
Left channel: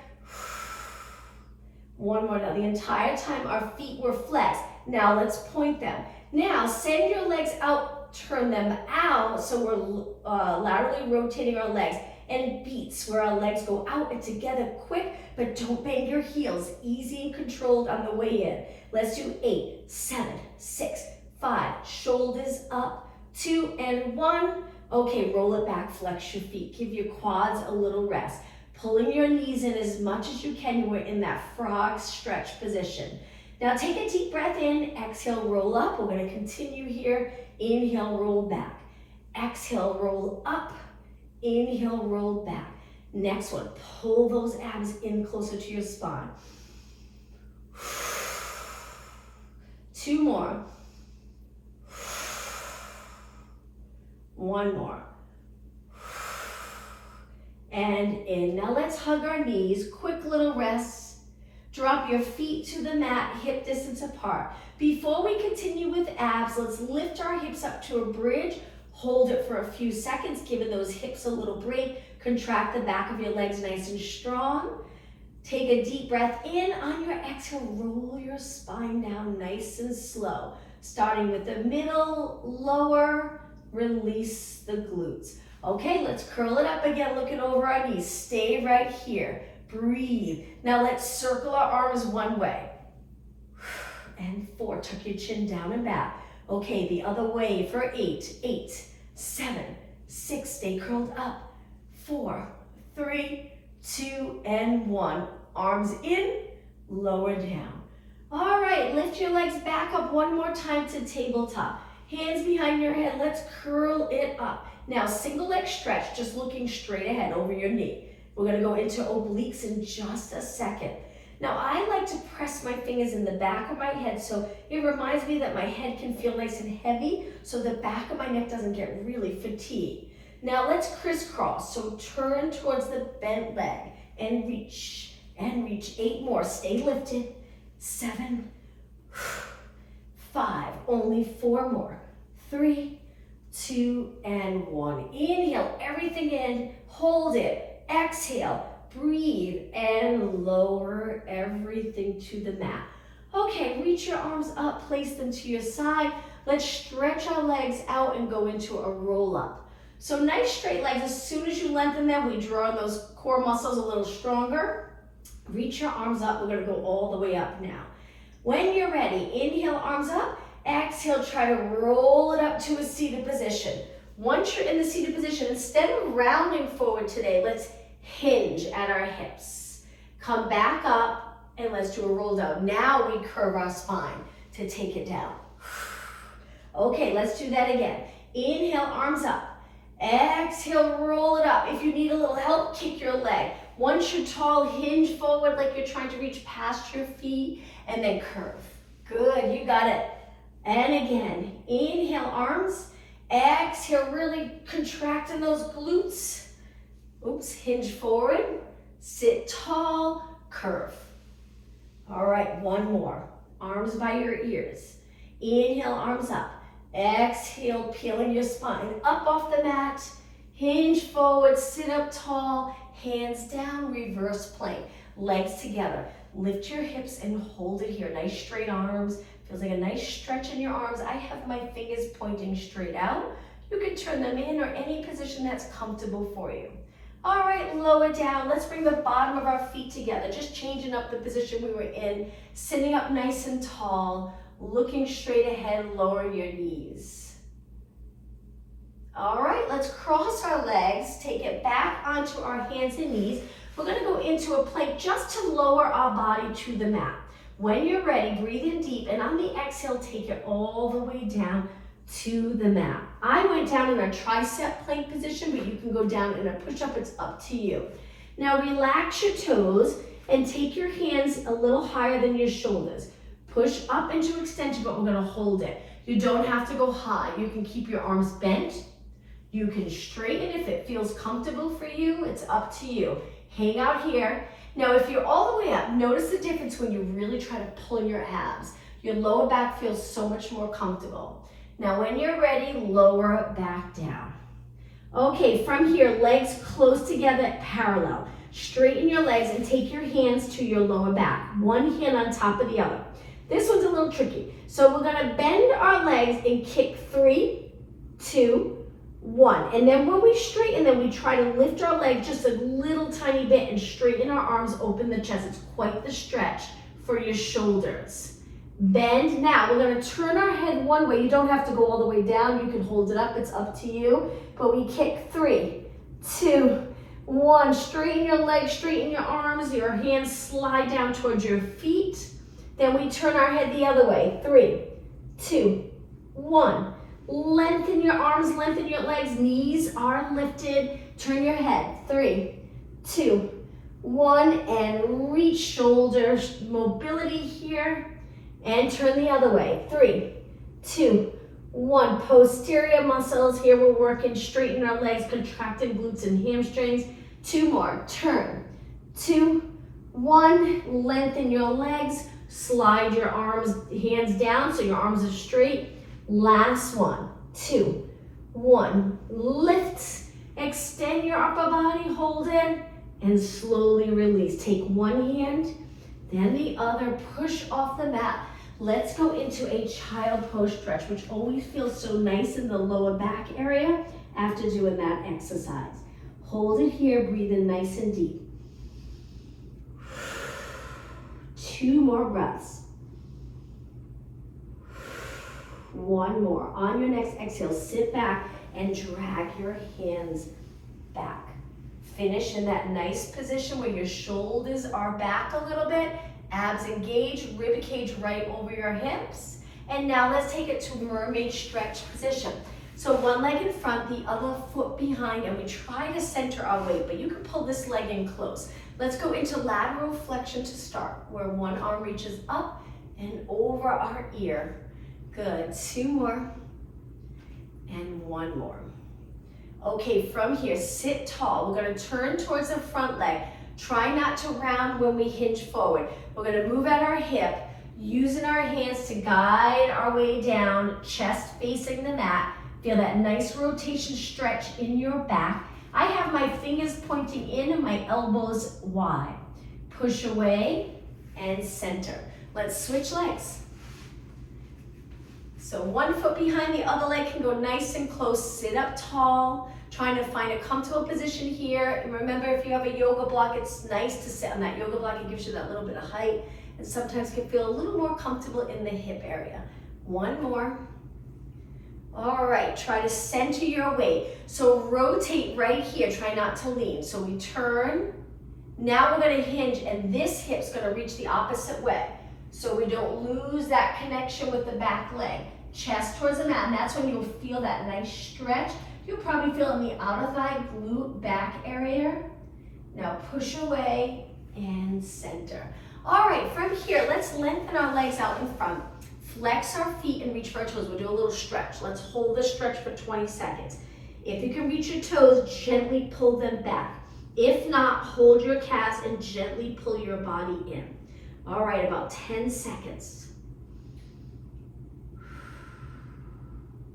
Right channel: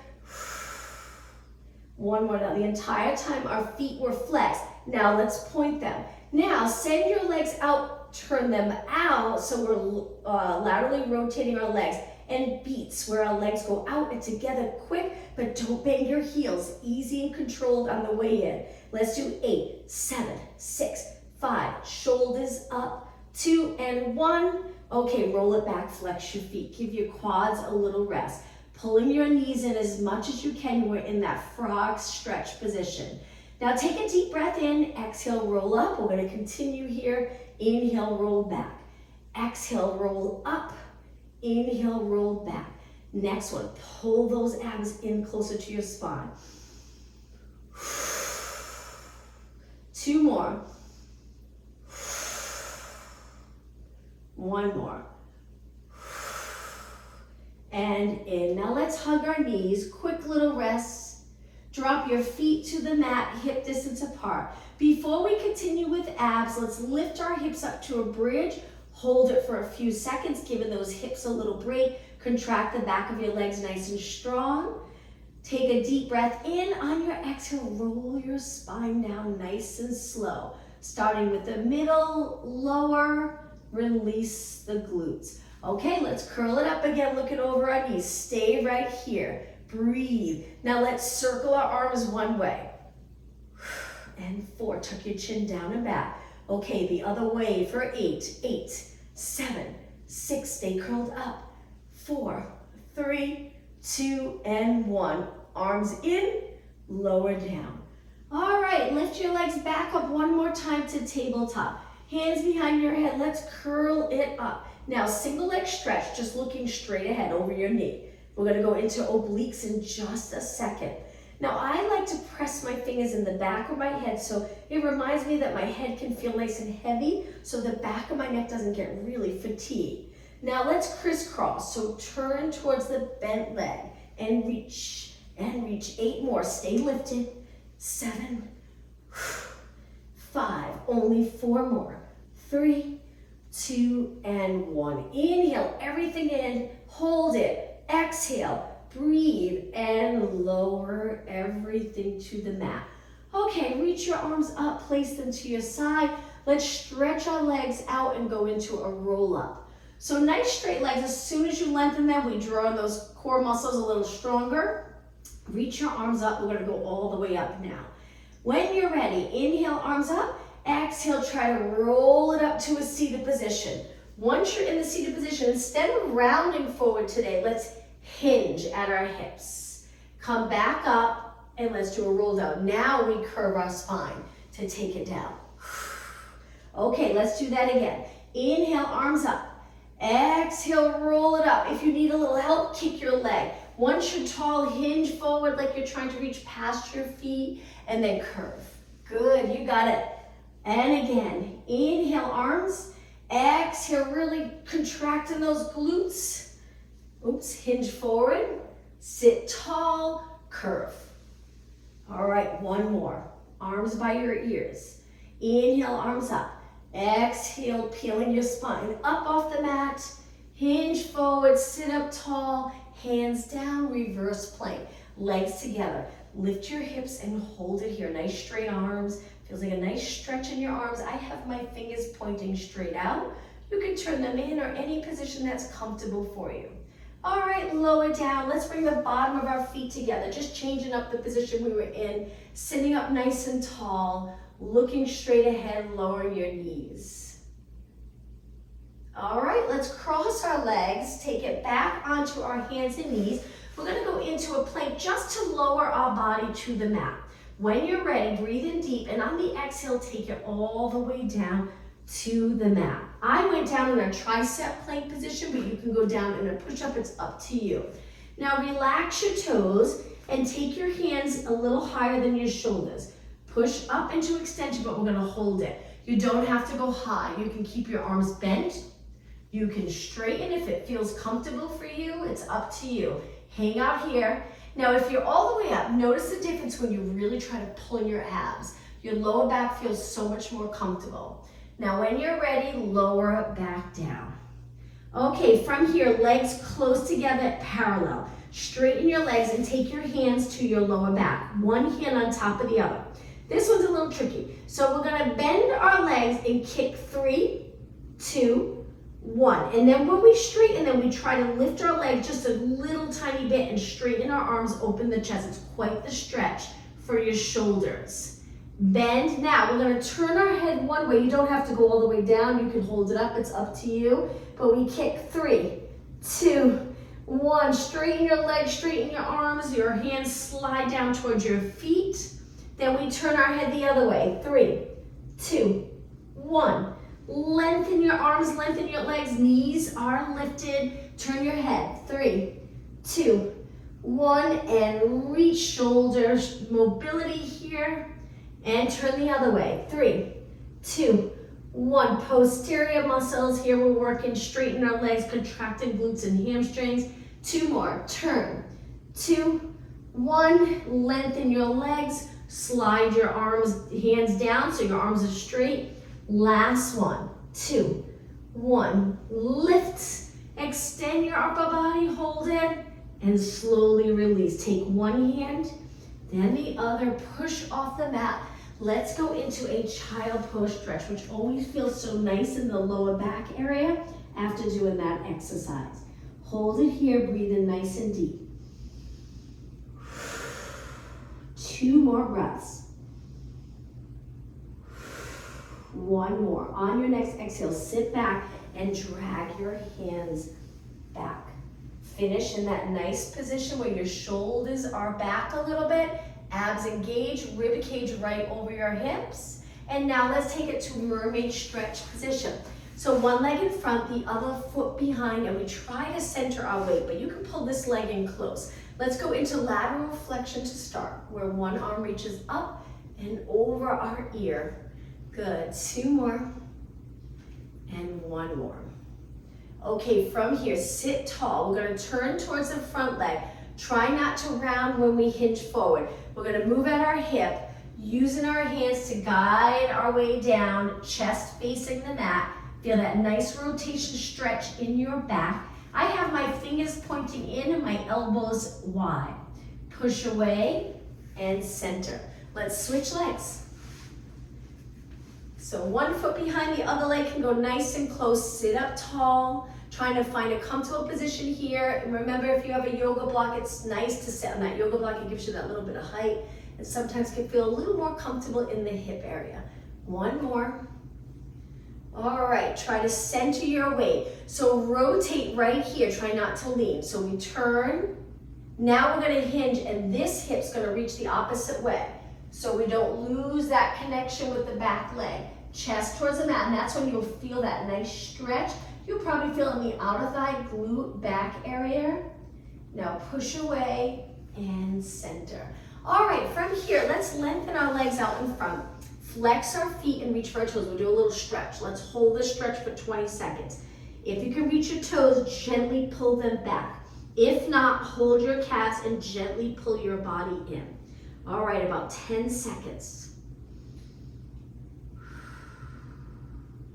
1 more. Now the entire time our feet were flexed. Now let's point them. Now send your legs out, turn them out, so we're laterally rotating our legs. and beats where our legs go out and together quick, but don't bang your heels. Easy and controlled on the way in. Let's do 8, 7, 6, 5. Shoulders up, 2 and 1. Okay, roll it back, flex your feet. Give your quads a little rest. Pulling your knees in as much as you can. We're in that frog stretch position. Now take a deep breath in, exhale, roll up. We're gonna continue here. Inhale, roll back. Exhale, roll up. Inhale, roll back. Next one, pull those abs in closer to your spine. 2 more. 1 more. And in. Now let's hug our knees. Quick little rest. Drop your feet to the mat, hip distance apart. Before we continue with abs, let's lift our hips up to a bridge. Hold it for a few seconds, giving those hips a little break. Contract the back of your legs nice and strong. Take a deep breath in. On your exhale, roll your spine down nice and slow. Starting with the middle, lower, release the glutes. Okay, let's curl it up again, looking over our knees. Stay right here. Breathe. Now let's circle our arms one way. And 4, tuck your chin down and back. Okay, the other way for 8, 8, 7, 6, stay curled up. 4, 3, 2, and 1. Arms in, lower down. All right, lift your legs back up one more time to tabletop. Hands behind your head, let's curl it up. Now, single leg stretch, just looking straight ahead over your knee. We're gonna go into obliques in just a second. Now, I like to press my fingers in the back of my head so it reminds me that my head can feel nice and heavy so the back of my neck doesn't get really fatigued. Now, let's crisscross. So turn towards the bent leg and reach, 8 more. Stay lifted. 7, 5, only 4 more. 3, 2, and 1. Inhale, everything in, hold it. Exhale, breathe, and lower everything to the mat. Okay, reach your arms up, place them to your side. Let's stretch our legs out and go into a roll up. So nice straight legs. As soon as you lengthen them, we draw on those core muscles a little stronger. Reach your arms up. We're gonna go all the way up now. When you're ready, inhale, arms up. Exhale, try to roll it up to a seated position. Once you're in the seated position, instead of rounding forward today, let's hinge at our hips. Come back up and let's do a roll down. Now we curve our spine to take it down. Okay, let's do that again. Inhale, arms up. Exhale, roll it up. If you need a little help, kick your leg. Once you're tall, hinge forward like you're trying to reach past your feet and then curve. Good, you got it. And again, inhale, arms. Exhale, really contracting those glutes. Oops, hinge forward. Sit tall, curve. All right, 1 more. Arms by your ears. Inhale, arms up. Exhale, peeling your spine up off the mat. Hinge forward, sit up tall. Hands down, reverse plank. Legs together. Lift your hips and hold it here. Nice straight arms. Feels like a nice stretch in your arms. I have my fingers pointing straight out. You can turn them in or any position that's comfortable for you. All right, lower down. Let's bring the bottom of our feet together. Just changing up the position we were in. Sitting up nice and tall. Looking straight ahead, lower your knees. All right, let's cross our legs. Take it back onto our hands and knees. We're gonna go into a plank just to lower our body to the mat. When you're ready, breathe in deep, and on the exhale, take it all the way down to the mat. I went down in a tricep plank position, but you can go down in a push-up, it's up to you. Now relax your toes and take your hands a little higher than your shoulders. Push up into extension, but we're gonna hold it. You don't have to go high. You can keep your arms bent. You can straighten if it feels comfortable for you. It's up to you. Hang out here. Now, if you're all the way up, notice the difference when you really try to pull in your abs. Your lower back feels so much more comfortable. Now, when you're ready, lower back down. Okay, from here, legs close together, parallel. Straighten your legs and take your hands to your lower back. One hand on top of the other. This one's a little tricky. So we're gonna bend our legs and kick 3, 2, 1. And then when we straighten them, we try to lift our leg just a little tiny bit and straighten our arms, open the chest. It's quite the stretch for your shoulders. Bend. Now we're going to turn our head one way. You don't have to go all the way down. You can hold it up. It's up to you. But we kick 3, 2, 1. Straighten your legs, straighten your arms. Your hands slide down towards your feet. Then we turn our head the other way. 3, 2, 1. Lengthen your arms, lengthen your legs. Knees are lifted. Turn your head. 3, 2, 1. And reach shoulders. Mobility here. And turn the other way. 3, 2, 1. Posterior muscles. Here we're working. Straighten our legs, contracting glutes and hamstrings. 2 more. Turn. 2, 1. Lengthen your legs. Slide your arms, hands down so your arms are straight. Last 1, 2, 1. Lift. Extend your upper body. Hold it. And slowly release. Take one hand, then the other. Push off the mat. Let's go into a child pose stretch, which always feels so nice in the lower back area after doing that exercise. Hold it here. Breathe in nice and deep. 2 more breaths. 1 more. On your next exhale, sit back and drag your hands back. Finish in that nice position where your shoulders are back a little bit. Abs engage, rib cage right over your hips. And now let's take it to mermaid stretch position. So one leg in front, the other foot behind, and we try to center our weight, but you can pull this leg in close. Let's go into lateral flexion to start, where one arm reaches up and over our ear. Good. 2 more. And 1 more. Okay, from here, sit tall. We're going to turn towards the front leg. Try not to round when we hinge forward. We're going to move at our hip, using our hands to guide our way down, chest facing the mat. Feel that nice rotation stretch in your back. I have my fingers pointing in and my elbows wide. Push away and center. Let's switch legs. So one foot behind the other leg can go nice and close. Sit up tall, trying to find a comfortable position here. And remember, if you have a yoga block, it's nice to sit on that yoga block. It gives you that little bit of height and sometimes can feel a little more comfortable in the hip area. 1 more. All right, try to center your weight. So rotate right here, try not to lean. So we turn. Now we're gonna hinge and this hip's gonna reach the opposite way. So we don't lose that connection with the back leg. Chest towards the mat, and that's when you'll feel that nice stretch. You'll probably feel in the outer thigh, glute, back area. Now push away and center. All right, from here, let's lengthen our legs out in front. Flex our feet and reach for our toes. We'll do a little stretch. Let's hold the stretch for 20 seconds. If you can reach your toes, gently pull them back. If not, hold your calves and gently pull your body in. All right, about 10 seconds.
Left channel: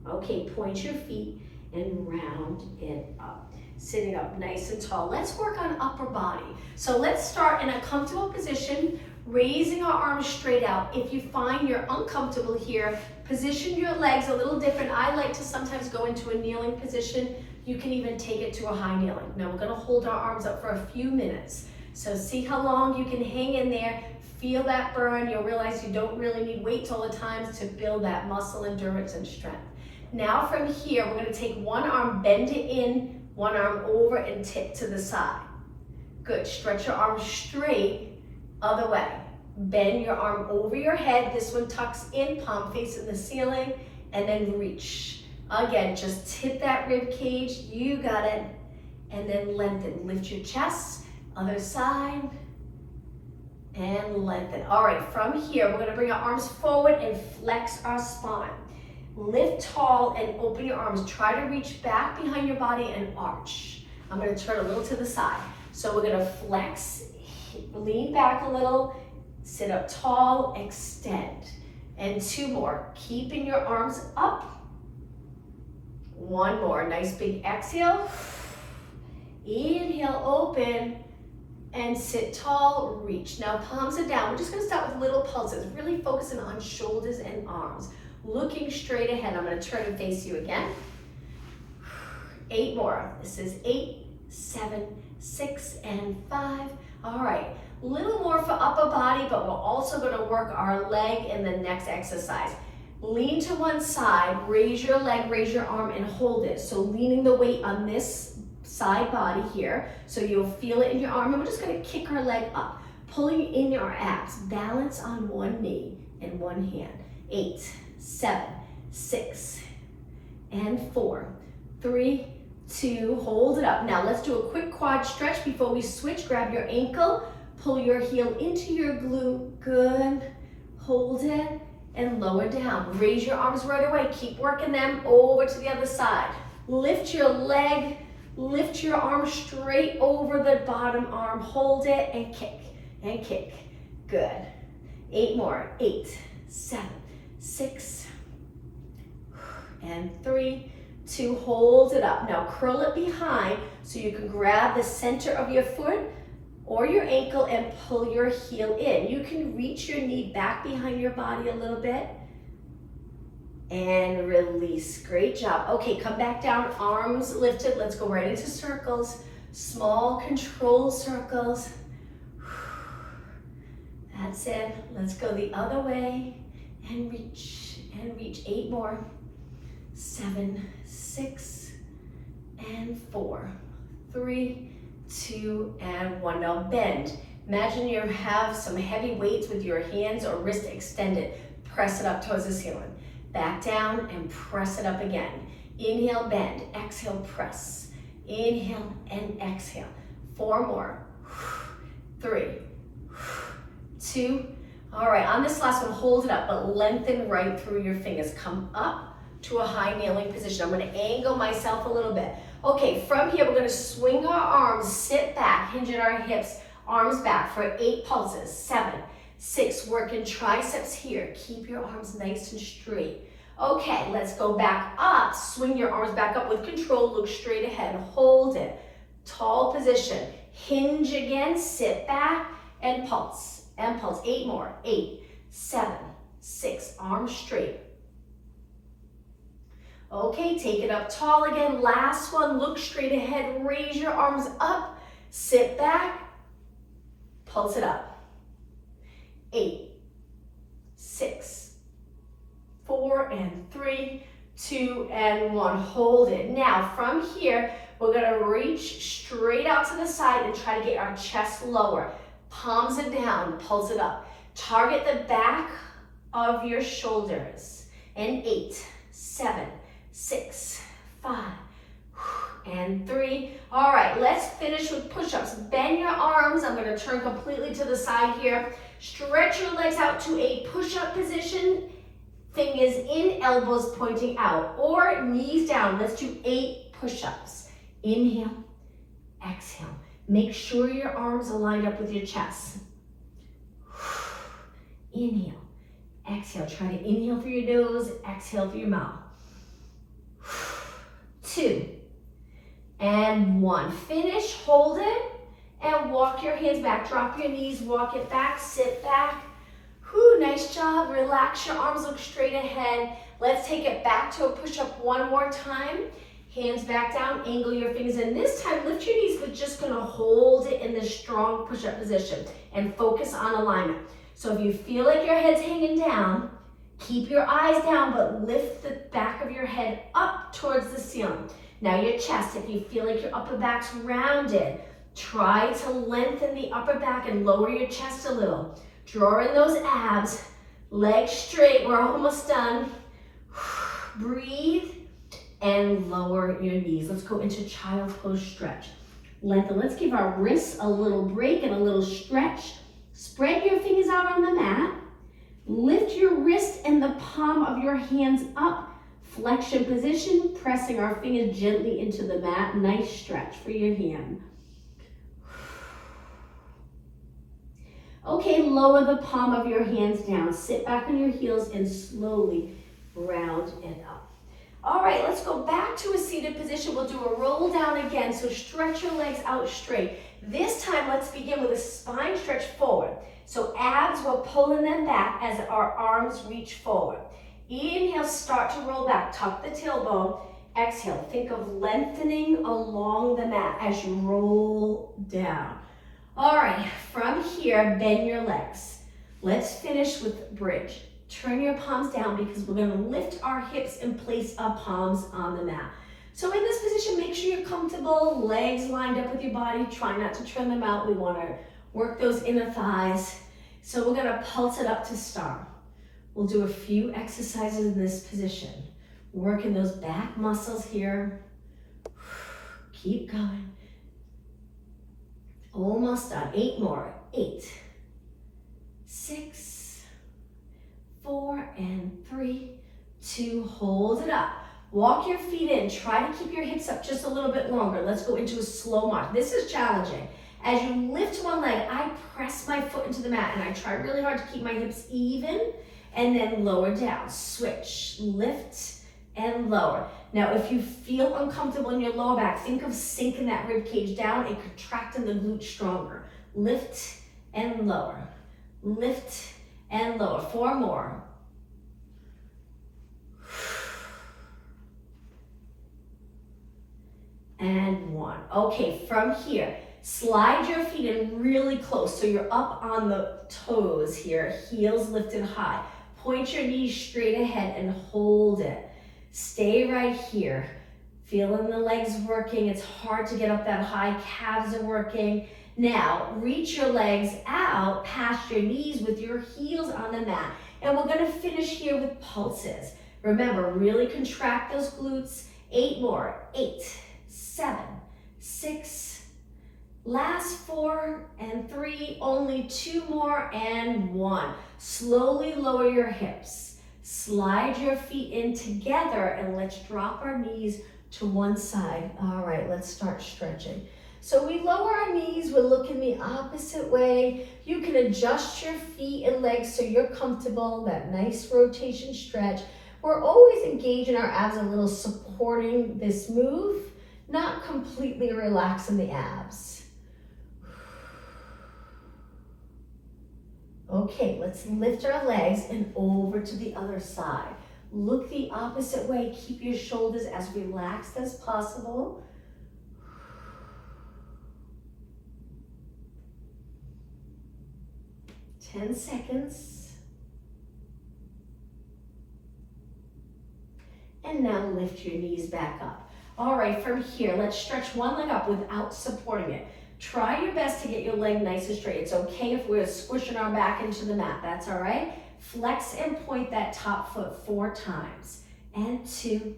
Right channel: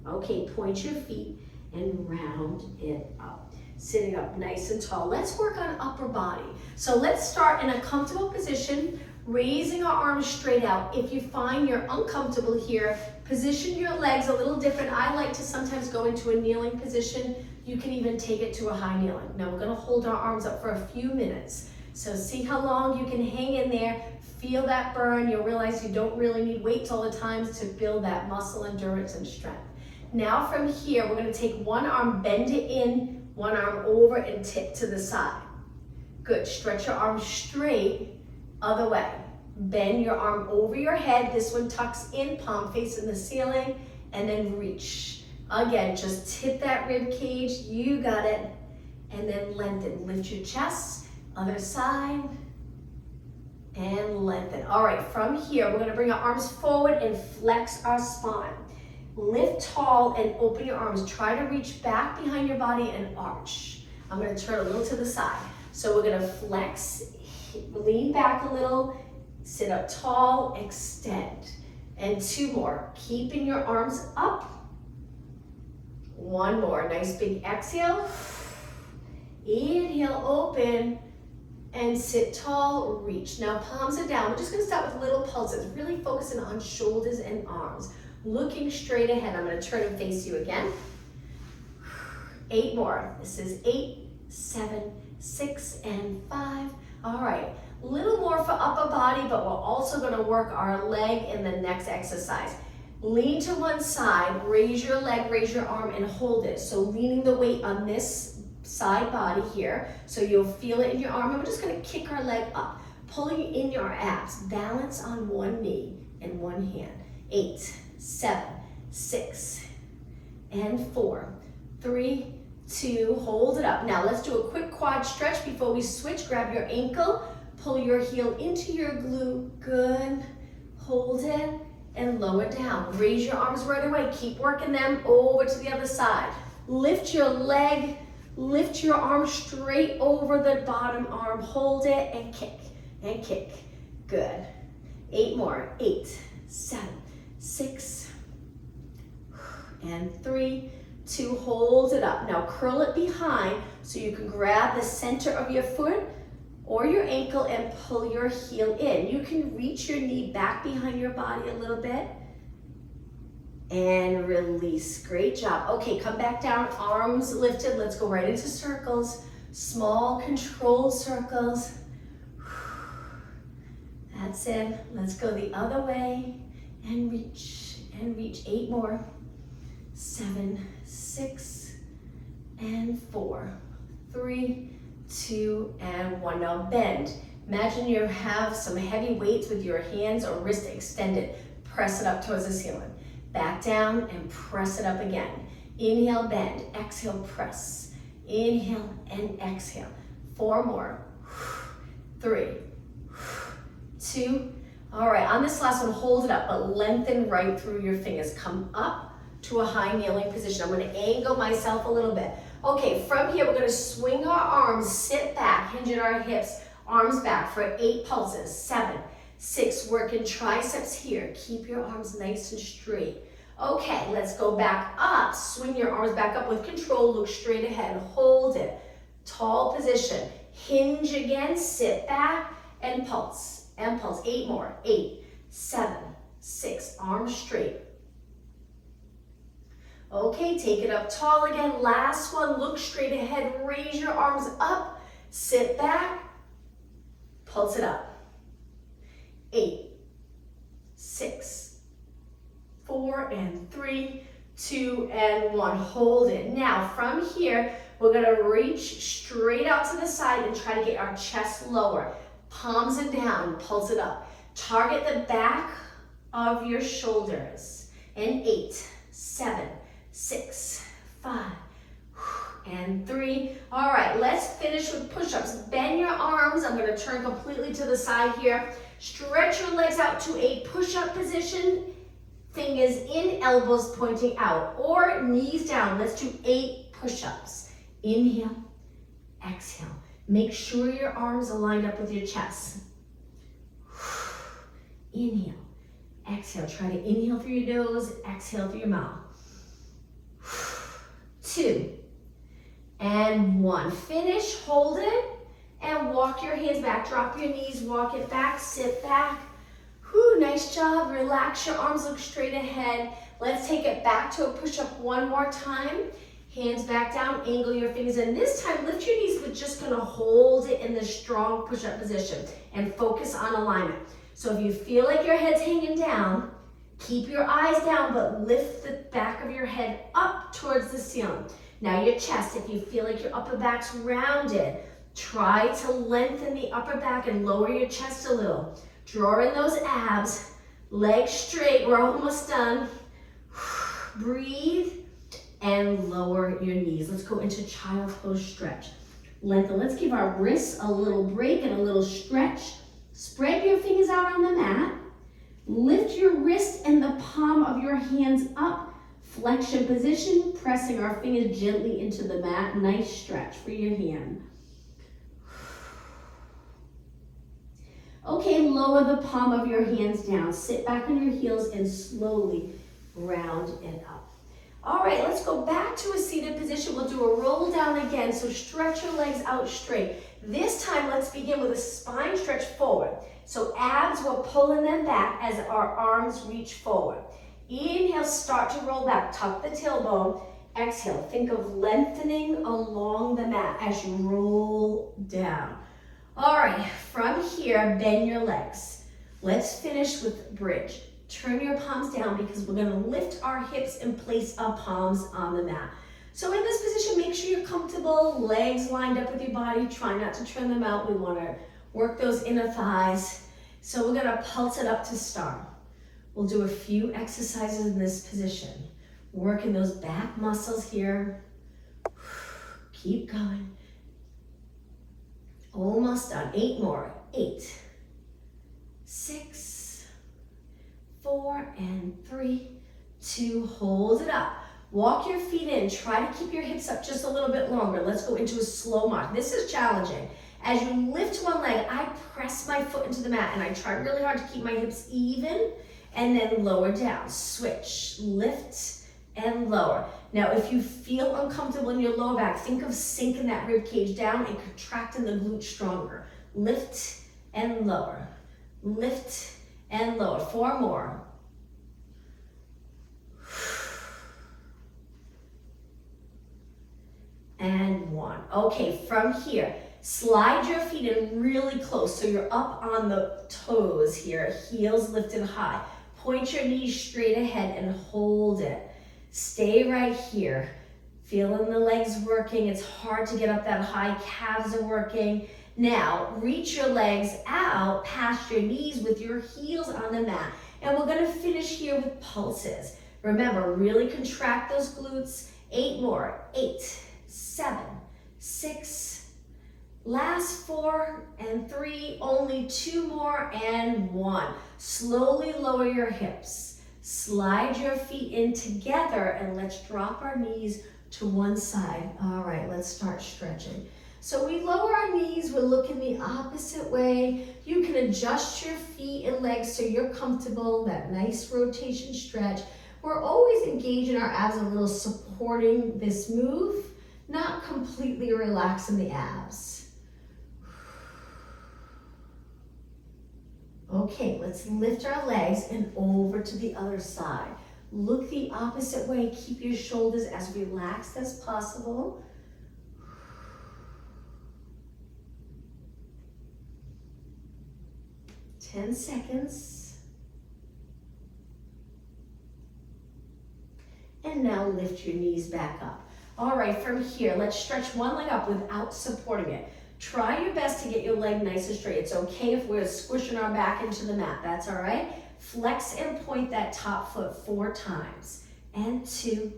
Okay, point your feet and round it up. Sitting up nice and tall. Let's work on upper body. So let's start in a comfortable position, raising our arms straight out. If you find you're uncomfortable here, position your legs a little different. I like to sometimes go into a kneeling position. You can even take it to a high kneeling. Now we're gonna hold our arms up for a few minutes. So see how long you can hang in there. Feel that burn. You'll realize you don't really need weights all the time to build that muscle endurance and strength. Now from here, we're gonna take one arm, bend it in, one arm over and tip to the side. Good, stretch your arms straight, other way. Bend your arm over your head. This one tucks in, palm facing the ceiling, and then reach. Again, just tip that rib cage, you got it. And then lengthen, lift your chest, other side, and lengthen. All right, from here, we're gonna bring our arms forward and flex our spine. Lift tall and open your arms. Try to reach back behind your body and arch. I'm gonna turn a little to the side. So we're gonna flex, lean back a little, sit up tall, extend. And 2 more, keeping your arms up. 1 more, nice big exhale. Inhale, open, and sit tall, reach. Now palms are down. We're just gonna start with little pulses, really focusing on shoulders and arms. Looking straight ahead. I'm gonna turn and face you again. 8 more. This is 8, 7, 6, and 5. All right, a little more for upper body, but we're also gonna work our leg in the next exercise. Lean to one side, raise your leg, raise your arm, and hold it. So leaning the weight on this side body here, so you'll feel it in your arm, and we're just gonna kick our leg up, pulling in your abs. Balance on one knee and one hand. 8, 7, 6, and 4, 3, 2, hold it up. Now let's do a quick quad stretch before we switch. Grab your ankle, pull your heel into your glute, good. Hold it and lower down. Raise your arms right away. Keep working them over to the other side. Lift your leg, lift your arm straight over the bottom arm. Hold it and kick, good. 8 more, 8, 7, 6, and 3, 2, hold it up. Now curl it behind so you can grab the center of your foot or your ankle and pull your heel in. You can reach your knee back behind your body a little bit and release. Great job. Okay, come back down, arms lifted. Let's go right into circles. Small controlled circles. That's it. Let's go the other way and reach and reach. 8 more. 7, 6, and 4, 3, 2, and 1. Now bend. Imagine you have some heavy weights with your hands or wrist extended. Press it up towards the ceiling. Back down and press it up again. Inhale, bend. Exhale, press. Inhale and exhale. 4 more. 3, 2. All right, on this last one, hold it up, but lengthen right through your fingers. Come up to a high kneeling position. I'm gonna angle myself a little bit. Okay, from here, we're gonna swing our arms, sit back, hinge at our hips, arms back for 8 pulses. 7, 6, working triceps here. Keep your arms nice and straight. Okay, let's go back up. Swing your arms back up with control. Look straight ahead, hold it. Tall position. Hinge again, sit back, and pulse, and pulse. 8 more, 8, 7, 6, arms straight. Okay, take it up tall again. Last one, look straight ahead, raise your arms up, sit back, pulse it up. 8, 6, 4, and 3, 2, and 1. Hold it. Now from here, we're gonna reach straight out to the side and try to get our chest lower. Palms are down, pulse it up. Target the back of your shoulders. And 8, 7, 6, 5, and 3. All right, let's finish with push-ups. Bend your arms. I'm gonna turn completely to the side here. Stretch your legs out to a push-up position. Fingers in, elbows pointing out, or knees down. Let's do 8 push-ups. Inhale, exhale. Make sure your arms are lined up with your chest. Inhale, exhale. Try to inhale through your nose, exhale through your mouth. 2, and 1. Finish, hold it, and walk your hands back. Drop your knees, walk it back, sit back. Whew, nice job. Relax your arms, look straight ahead. Let's take it back to a push-up one more time. Hands back down, angle your fingers, and this time lift your knees. We're just gonna hold it in this strong push-up position and focus on alignment. So if you feel like your head's hanging down, keep your eyes down, but lift the back of your head up towards the ceiling. Now your chest, if you feel like your upper back's rounded, try to lengthen the upper back and lower your chest a little. Draw in those abs, legs straight, we're almost done. Breathe and lower your knees. Let's go into child's pose stretch. Lengthen, let's give our wrists a little break and a little stretch. Spread your fingers out on the mat. Lift your wrist and the palm of your hands up. Flexion position, pressing our fingers gently into the mat. Nice stretch for your hand. Okay, lower the palm of your hands down. Sit back on your heels and slowly round it up. All right, let's go back to a seated position. We'll do a roll down again, so stretch your legs out straight. This time, let's begin with a spine stretch forward. So abs, we're pulling them back as our arms reach forward. Inhale, start to roll back. Tuck the tailbone. Exhale, think of lengthening along the mat as you roll down. All right, from here, bend your legs. Let's finish with bridge. Turn your palms down because we're gonna lift our hips and place our palms on the mat. So in this position, make sure you're comfortable, legs lined up with your body. Try not to turn them out. We wanna work those inner thighs. So we're gonna pulse it up to start. We'll do a few exercises in this position. Working those back muscles here. Keep going. Almost done. 8 more. 8, 6, 4, and 3, 2. Hold it up. Walk your feet in. Try to keep your hips up just a little bit longer. Let's go into a slow march. This is challenging. As you lift one leg, I press my foot into the mat and I try really hard to keep my hips even and then lower down. Switch, lift, and lower. Now, if you feel uncomfortable in your lower back, think of sinking that rib cage down and contracting the glute stronger. Lift and lower. Lift and lower. 4 more. And 1. Okay, from here, slide your feet in really close so you're up on the toes here, heels lifted high. Point your knees straight ahead and hold it. Stay right here. Feeling the legs working. It's hard to get up that high. Calves are working. Now, reach your legs out past your knees with your heels on the mat. And we're gonna finish here with pulses. Remember, really contract those glutes. 8 more. 8, 7, 6, last 4 and 3, only 2 more and 1. Slowly lower your hips. Slide your feet in together and let's drop our knees to one side. All right, let's start stretching. So we lower our knees, we're looking the opposite way. You can adjust your feet and legs so you're comfortable, that nice rotation stretch. We're always engaging our abs a little, supporting this move, not completely relaxing the abs. Okay, let's lift our legs and over to the other side. Look the opposite way. Keep your shoulders as relaxed as possible. 10 seconds. And now lift your knees back up. All right, from here, let's stretch one leg up without supporting it. Try your best to get your leg nice and straight. It's okay if we're squishing our back into the mat. That's all right. Flex and point that top foot 4 times. And 2,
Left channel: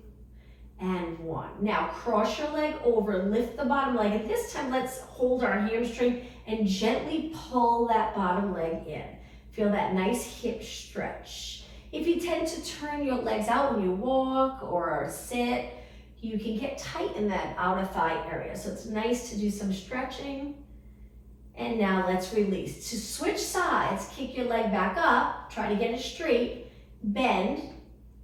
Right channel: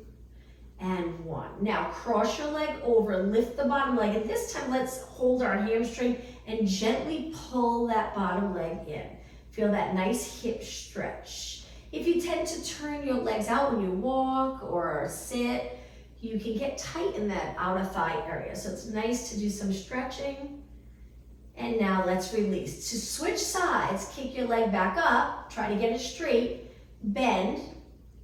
and 1. Now cross your leg over, lift the bottom leg. And this time, let's hold our hamstring and gently pull that bottom leg in. Feel that nice hip stretch. If you tend to turn your legs out when you walk or sit, you can get tight in that outer thigh area. So it's nice to do some stretching. And now let's release. To switch sides, kick your leg back up, try to get it straight, bend.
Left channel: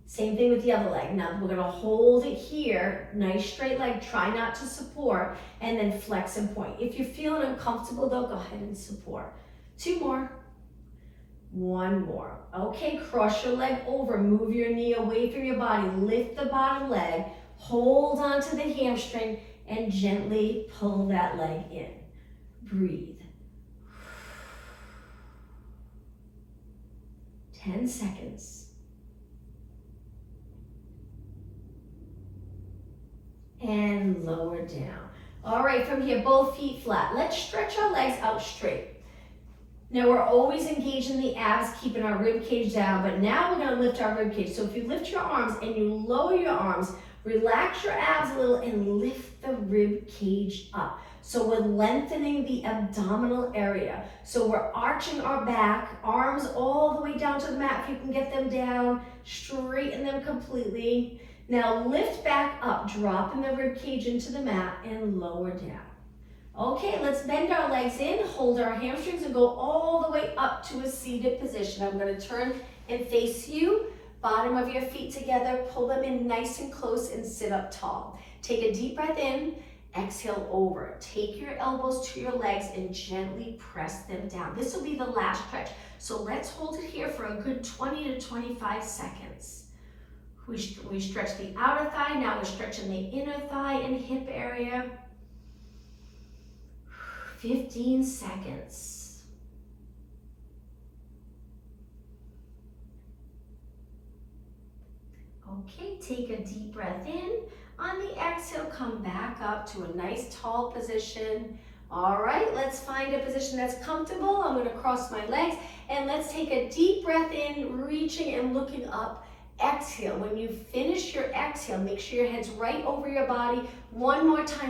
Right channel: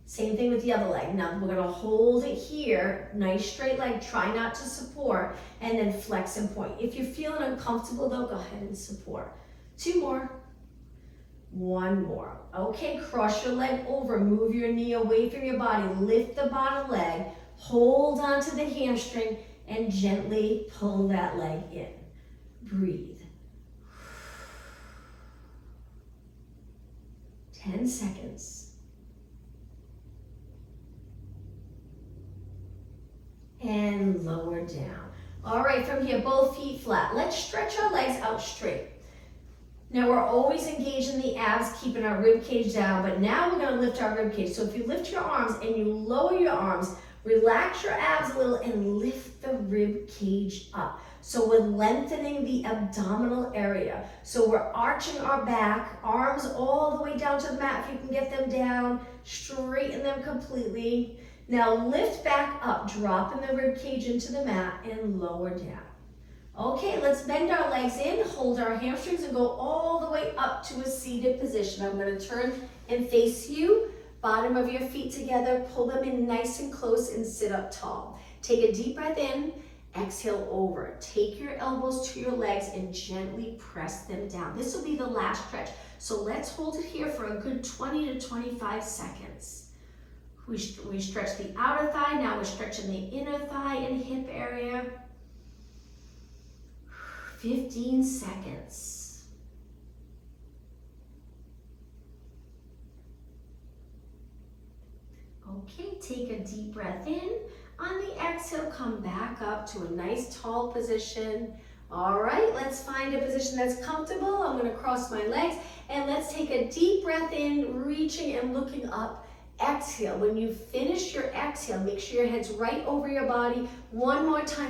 Same thing with the other leg. Now we're gonna hold it here, nice straight leg, try not to support, and then flex and point. If you're feeling uncomfortable though, go ahead and support. 2 more. 1 more. Okay, cross your leg over, move your knee away from your body, lift the bottom leg, hold on to the hamstring, and gently pull that leg in. Breathe. 10 seconds. And lower down. All right, from here, both feet flat. Let's stretch our legs out straight. Now we're always engaging the abs, keeping our rib cage down, but now we're gonna lift our rib cage. So if you lift your arms and you lower your arms, relax your abs a little and lift the rib cage up. So we're lengthening the abdominal area. So we're arching our back, arms all the way down to the mat. If you can get them down, straighten them completely. Now lift back up, dropping the rib cage into the mat and lower down. Okay, let's bend our legs in, hold our hamstrings and go all the way up to a seated position. I'm gonna turn and face you, bottom of your feet together, pull them in nice and close and sit up tall. Take a deep breath in, exhale over. Take your elbows to your legs and gently press them down. This will be the last stretch. So let's hold it here for a good 20 to 25 seconds. We stretch the outer thigh, now we're stretching the inner thigh and hip area. 15 seconds. Okay, take a deep breath in. On the exhale, come back up to a nice tall position. All right, let's find a position that's comfortable. I'm gonna cross my legs and let's take a deep breath in, reaching and looking up. Exhale. When you finish your exhale, make sure your head's right over your body. One more time,